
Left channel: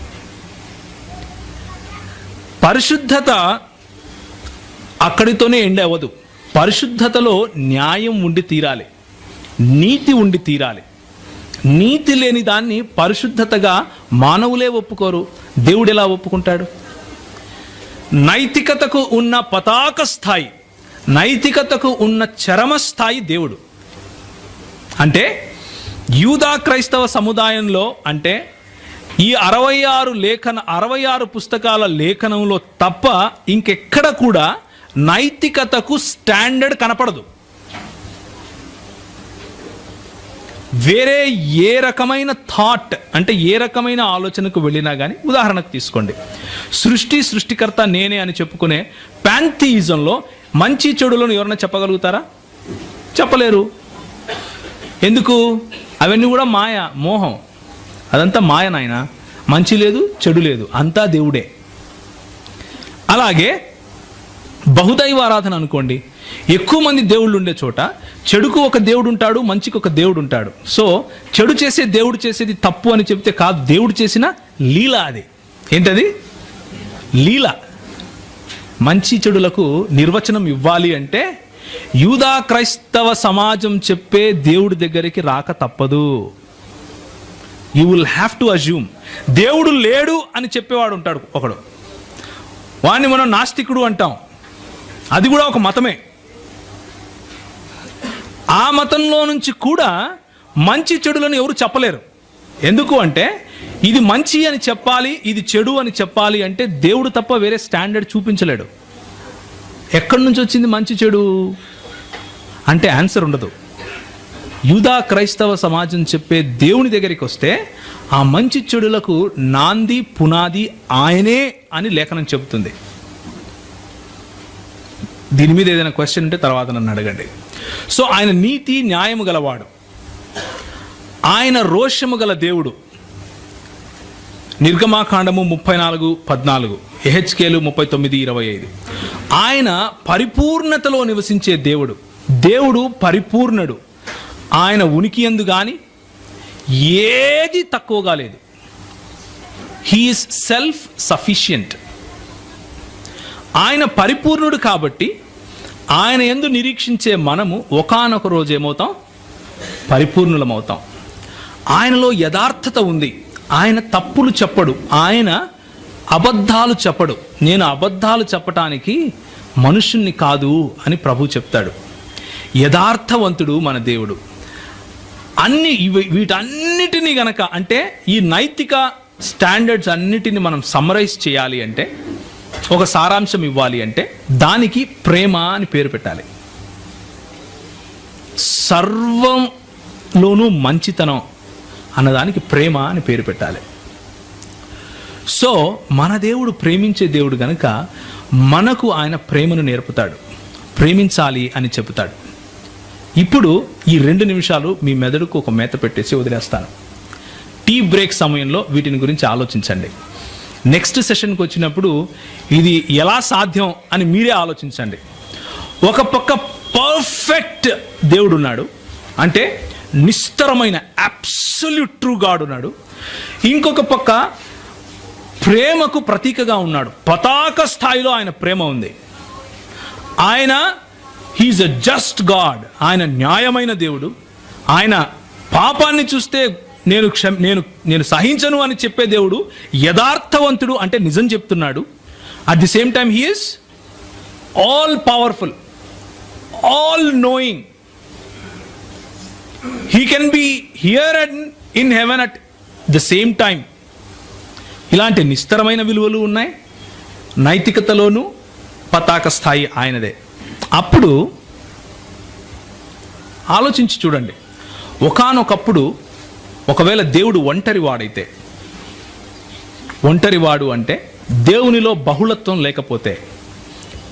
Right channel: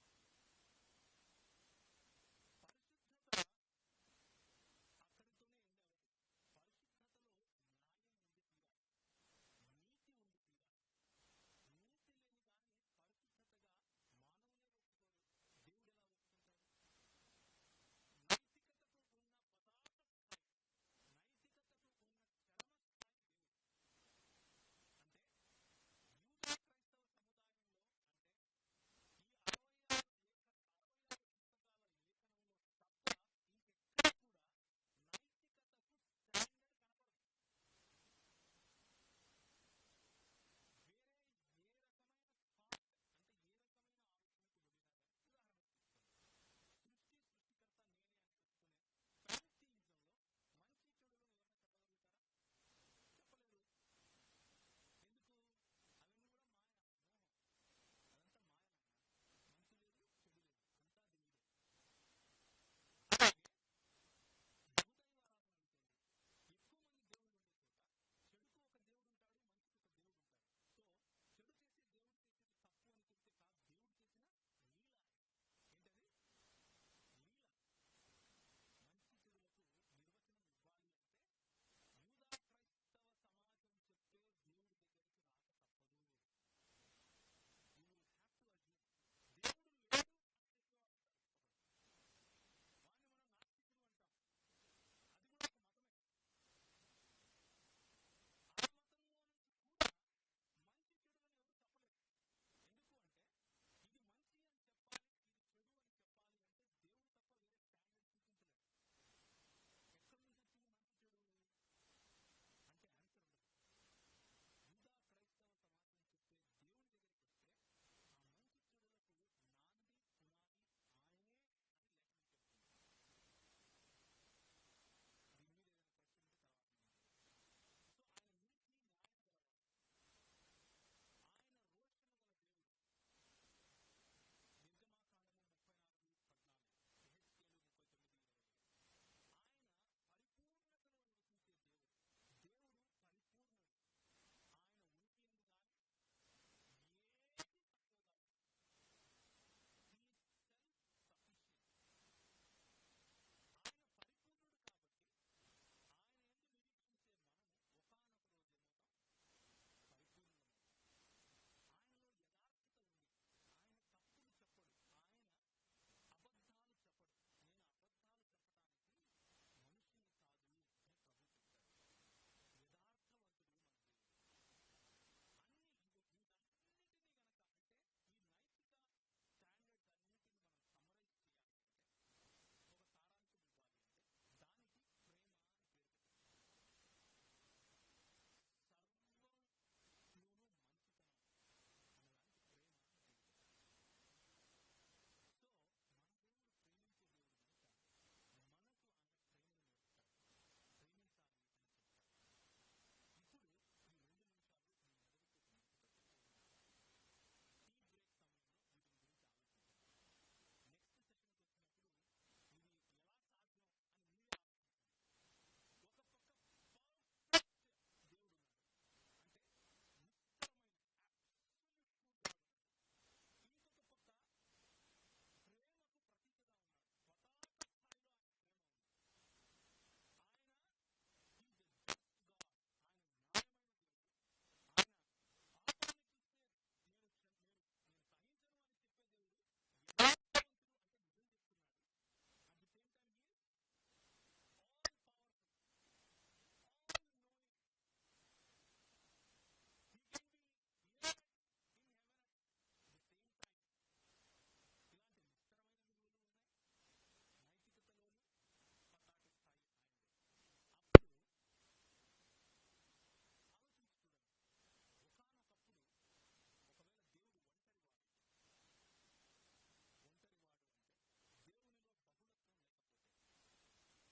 పరిశుద్ధత అక్కడితోనే ఎండ్ అవ్వదు. పరిశుద్ధతలో న్యాయం ఉండి తీరాలి, నీతి ఉండి తీరాలి. నీతి లేని దాన్ని పరిశుద్ధతగా మానవులే ఒప్పుకోరు. దేవుడు ఎలా ఒప్పుకుంటాడు? నైతికతకు ఉన్న పతాక స్థాయి, నైతికతకు ఉన్న చరమ స్థాయి దేవుడు. అంటే యూదా క్రైస్తవ సముదాయంలో, అంటే ఈ 66 పుస్తకాల లేఖనంలో తప్ప ఇంకెక్కడ కూడా నైతికతకు స్టాండర్డ్ కనపడదు. వేరే ఏ రకమైన థాట్, అంటే ఏ రకమైన ఆలోచనకు వెళ్ళినా కానీ, ఉదాహరణకు తీసుకోండి, సృష్టికర్త నేనే అని చెప్పుకునే ప్యాంథియిజంలో మంచి చెడులను ఎవరైనా చెప్పగలుగుతారా? చెప్పలేరు. ఎందుకు? అవన్నీ కూడా మాయ, మోహం. అదంతా మాయ నాయన. మంచి లేదు, చెడు లేదు, అంతా దేవుడే. అలాగే బహుదైవ ఆరాధన అనుకోండి, ఎక్కువ మంది దేవుళ్ళు ఉండే చోట చెడుకు ఒక దేవుడు ఉంటాడు, మంచికి ఒక దేవుడు ఉంటాడు. సో చెడు చేసే దేవుడు చేసేది తప్పు అని చెప్తే కాదు, దేవుడు చేసిన లీల అది. ఏంటది? లీల. మంచి చెడులకు నిర్వచనం ఇవ్వాలి అంటే యూదా క్రైస్తవ సమాజం చెప్పే దేవుడి దగ్గరికి రాక తప్పదు. You will have to assume. దేవుడు లేడు అని చెప్పేవాడు ఉంటాడు ఒకడు, వాడిని మనం నాస్తికుడు అంటాం. అది కూడా ఒక మతమే. ఆ మతంలో నుంచి కూడా మంచి చెడులను ఎవరు చెప్పలేరు. ఎందుకు అంటే ఇది మంచి అని చెప్పాలి, ఇది చెడు అని చెప్పాలి అంటే దేవుడు తప్ప వేరే స్టాండర్డ్ చూపించలేడు. ఎక్కడి నుంచి వచ్చింది మంచి చెడు అంటే ఆన్సర్ ఉండదు. యూదా క్రైస్తవ సమాజం చెప్పే దేవుని దగ్గరికి వస్తే ఆ మంచి చెడులకు నాంది పునాది ఆయనే అని లేఖనం చెబుతుంది. దీని మీద ఏదైనా క్వశ్చన్ ఉంటే తర్వాత నన్ను అడగండి. సో ఆయన నీతి న్యాయము గలవాడు, ఆయన రోషము గల దేవుడు. నిర్గమాకాండము 34:14, యెహెజ్కేలు 39:25. ఆయన పరిపూర్ణతలో నివసించే దేవుడు. దేవుడు పరిపూర్ణుడు. ఆయన ఉనికి యందు గాని ఏది తక్కువగా లేదు. He is self sufficient. ఆయన పరిపూర్ణుడు కాబట్టి ఆయన యందు నిరీక్షించే మనము ఒకానొక రోజు ఏమవుతాం? పరిపూర్ణులమవుతాం. ఆయనలో యథార్థత ఉంది. ఆయన తప్పులు చెప్పడు, ఆయన అబద్ధాలు చెప్పడు. నేను అబద్ధాలు చెప్పటానికి మనుషుణ్ణి కాదు అని ప్రభు చెప్తాడు. యథార్థవంతుడు మన దేవుడు. వీటన్నిటినీ గనక, అంటే ఈ నైతిక స్టాండర్డ్స్ అన్నిటిని మనం సమ్మరైజ్ చేయాలి అంటే, ఒక సారాంశం ఇవ్వాలి అంటే దానికి ప్రేమ అని పేరు పెట్టాలి. సర్వంలోనూ మంచితనం అన్నదానికి ప్రేమ అని పేరు పెట్టాలి. సో మన దేవుడు ప్రేమించే దేవుడు గనుక మనకు ఆయన ప్రేమను నేర్పుతాడు, ప్రేమించాలి అని చెబుతాడు. ఇప్పుడు ఈ 2 నిమిషాలు మీ మెదడుకు ఒక మేత పెట్టేసి వదిలేస్తాను. టీ బ్రేక్ సమయంలో వీటిని గురించి ఆలోచించండి. నెక్స్ట్ సెషన్కి వచ్చినప్పుడు ఇది ఎలా సాధ్యం అని మీరే ఆలోచించండి. ఒక పక్క పర్ఫెక్ట్ దేవుడు ఉన్నాడు, అంటే నిస్తరమైన అబ్సల్యూట్ ట్రూ గాడ్ ఉన్నాడు. ఇంకొక పక్క ప్రేమకు ప్రతీకగా ఉన్నాడు. పతాక స్థాయిలో ఆయన ప్రేమ ఉంది. ఆయన హీఈస్ ఎ జస్ట్ గాడ్. ఆయన న్యాయమైన దేవుడు. ఆయన పాపాన్ని చూస్తే నేను సహించను అని చెప్పే దేవుడు. యథార్థవంతుడు, అంటే నిజం చెప్తున్నాడు. At the same time he is all powerful, all knowing. He can be here and in heaven at the same time. ఇలాంటి నిస్తరమైన విలువలు ఉన్నాయి. నైతికతలోనూ పతాక స్థాయి ఆయనదే. అప్పుడు ఆలోచించి చూడండి, ఒకానొకప్పుడు ఒకవేళ దేవుడు ఒంటరివాడైతే, ఒంటరివాడు అంటే దేవునిలో బహుళత్వం లేకపోతే,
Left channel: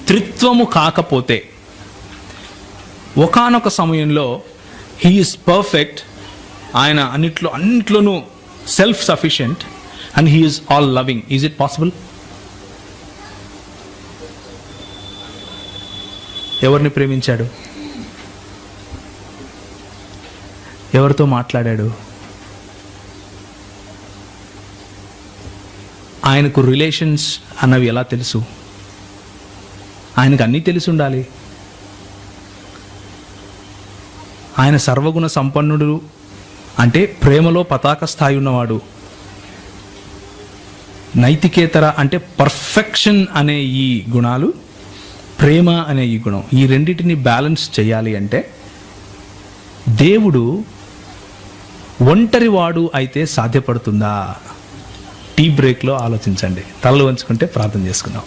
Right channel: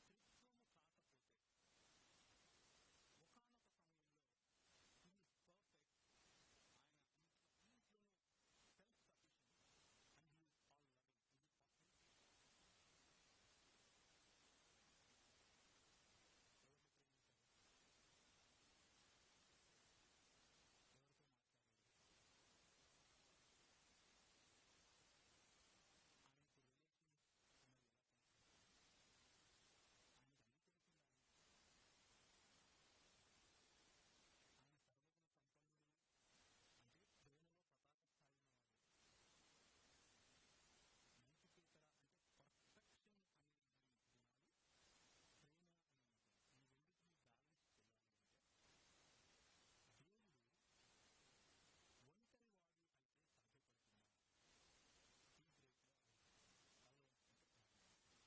త్రిత్వము కాకపోతే, ఒకానొక సమయంలో హీ ఈస్ పర్ఫెక్ట్, ఆయన అన్నిట్లోనూ self sufficient, and he is all loving. Is it possible? ఎవరిని ప్రేమించాడు? ఎవరితో మాట్లాడాడు? ఆయనకు రిలేషన్స్ అన్నవి ఎలా తెలుసు? ఆయనకు అన్నీ తెలిసి ఉండాలి. ఆయన సర్వగుణ సంపన్నుడు, అంటే ప్రేమలో పతాక స్థాయి ఉన్నవాడు. నైతికేతర అంటే పర్ఫెక్షన్ అనే ఈ గుణాలు, ప్రేమ అనే ఈ గుణం, ఈ రెండింటిని బ్యాలెన్స్ చేయాలి అంటే దేవుడు ఒంటరివాడు అయితే సాధ్యపడుతుందా? టీ బ్రేక్లో ఆలోచించండి. తలలు వంచుకుంటే ప్రార్థన చేసుకుందాం.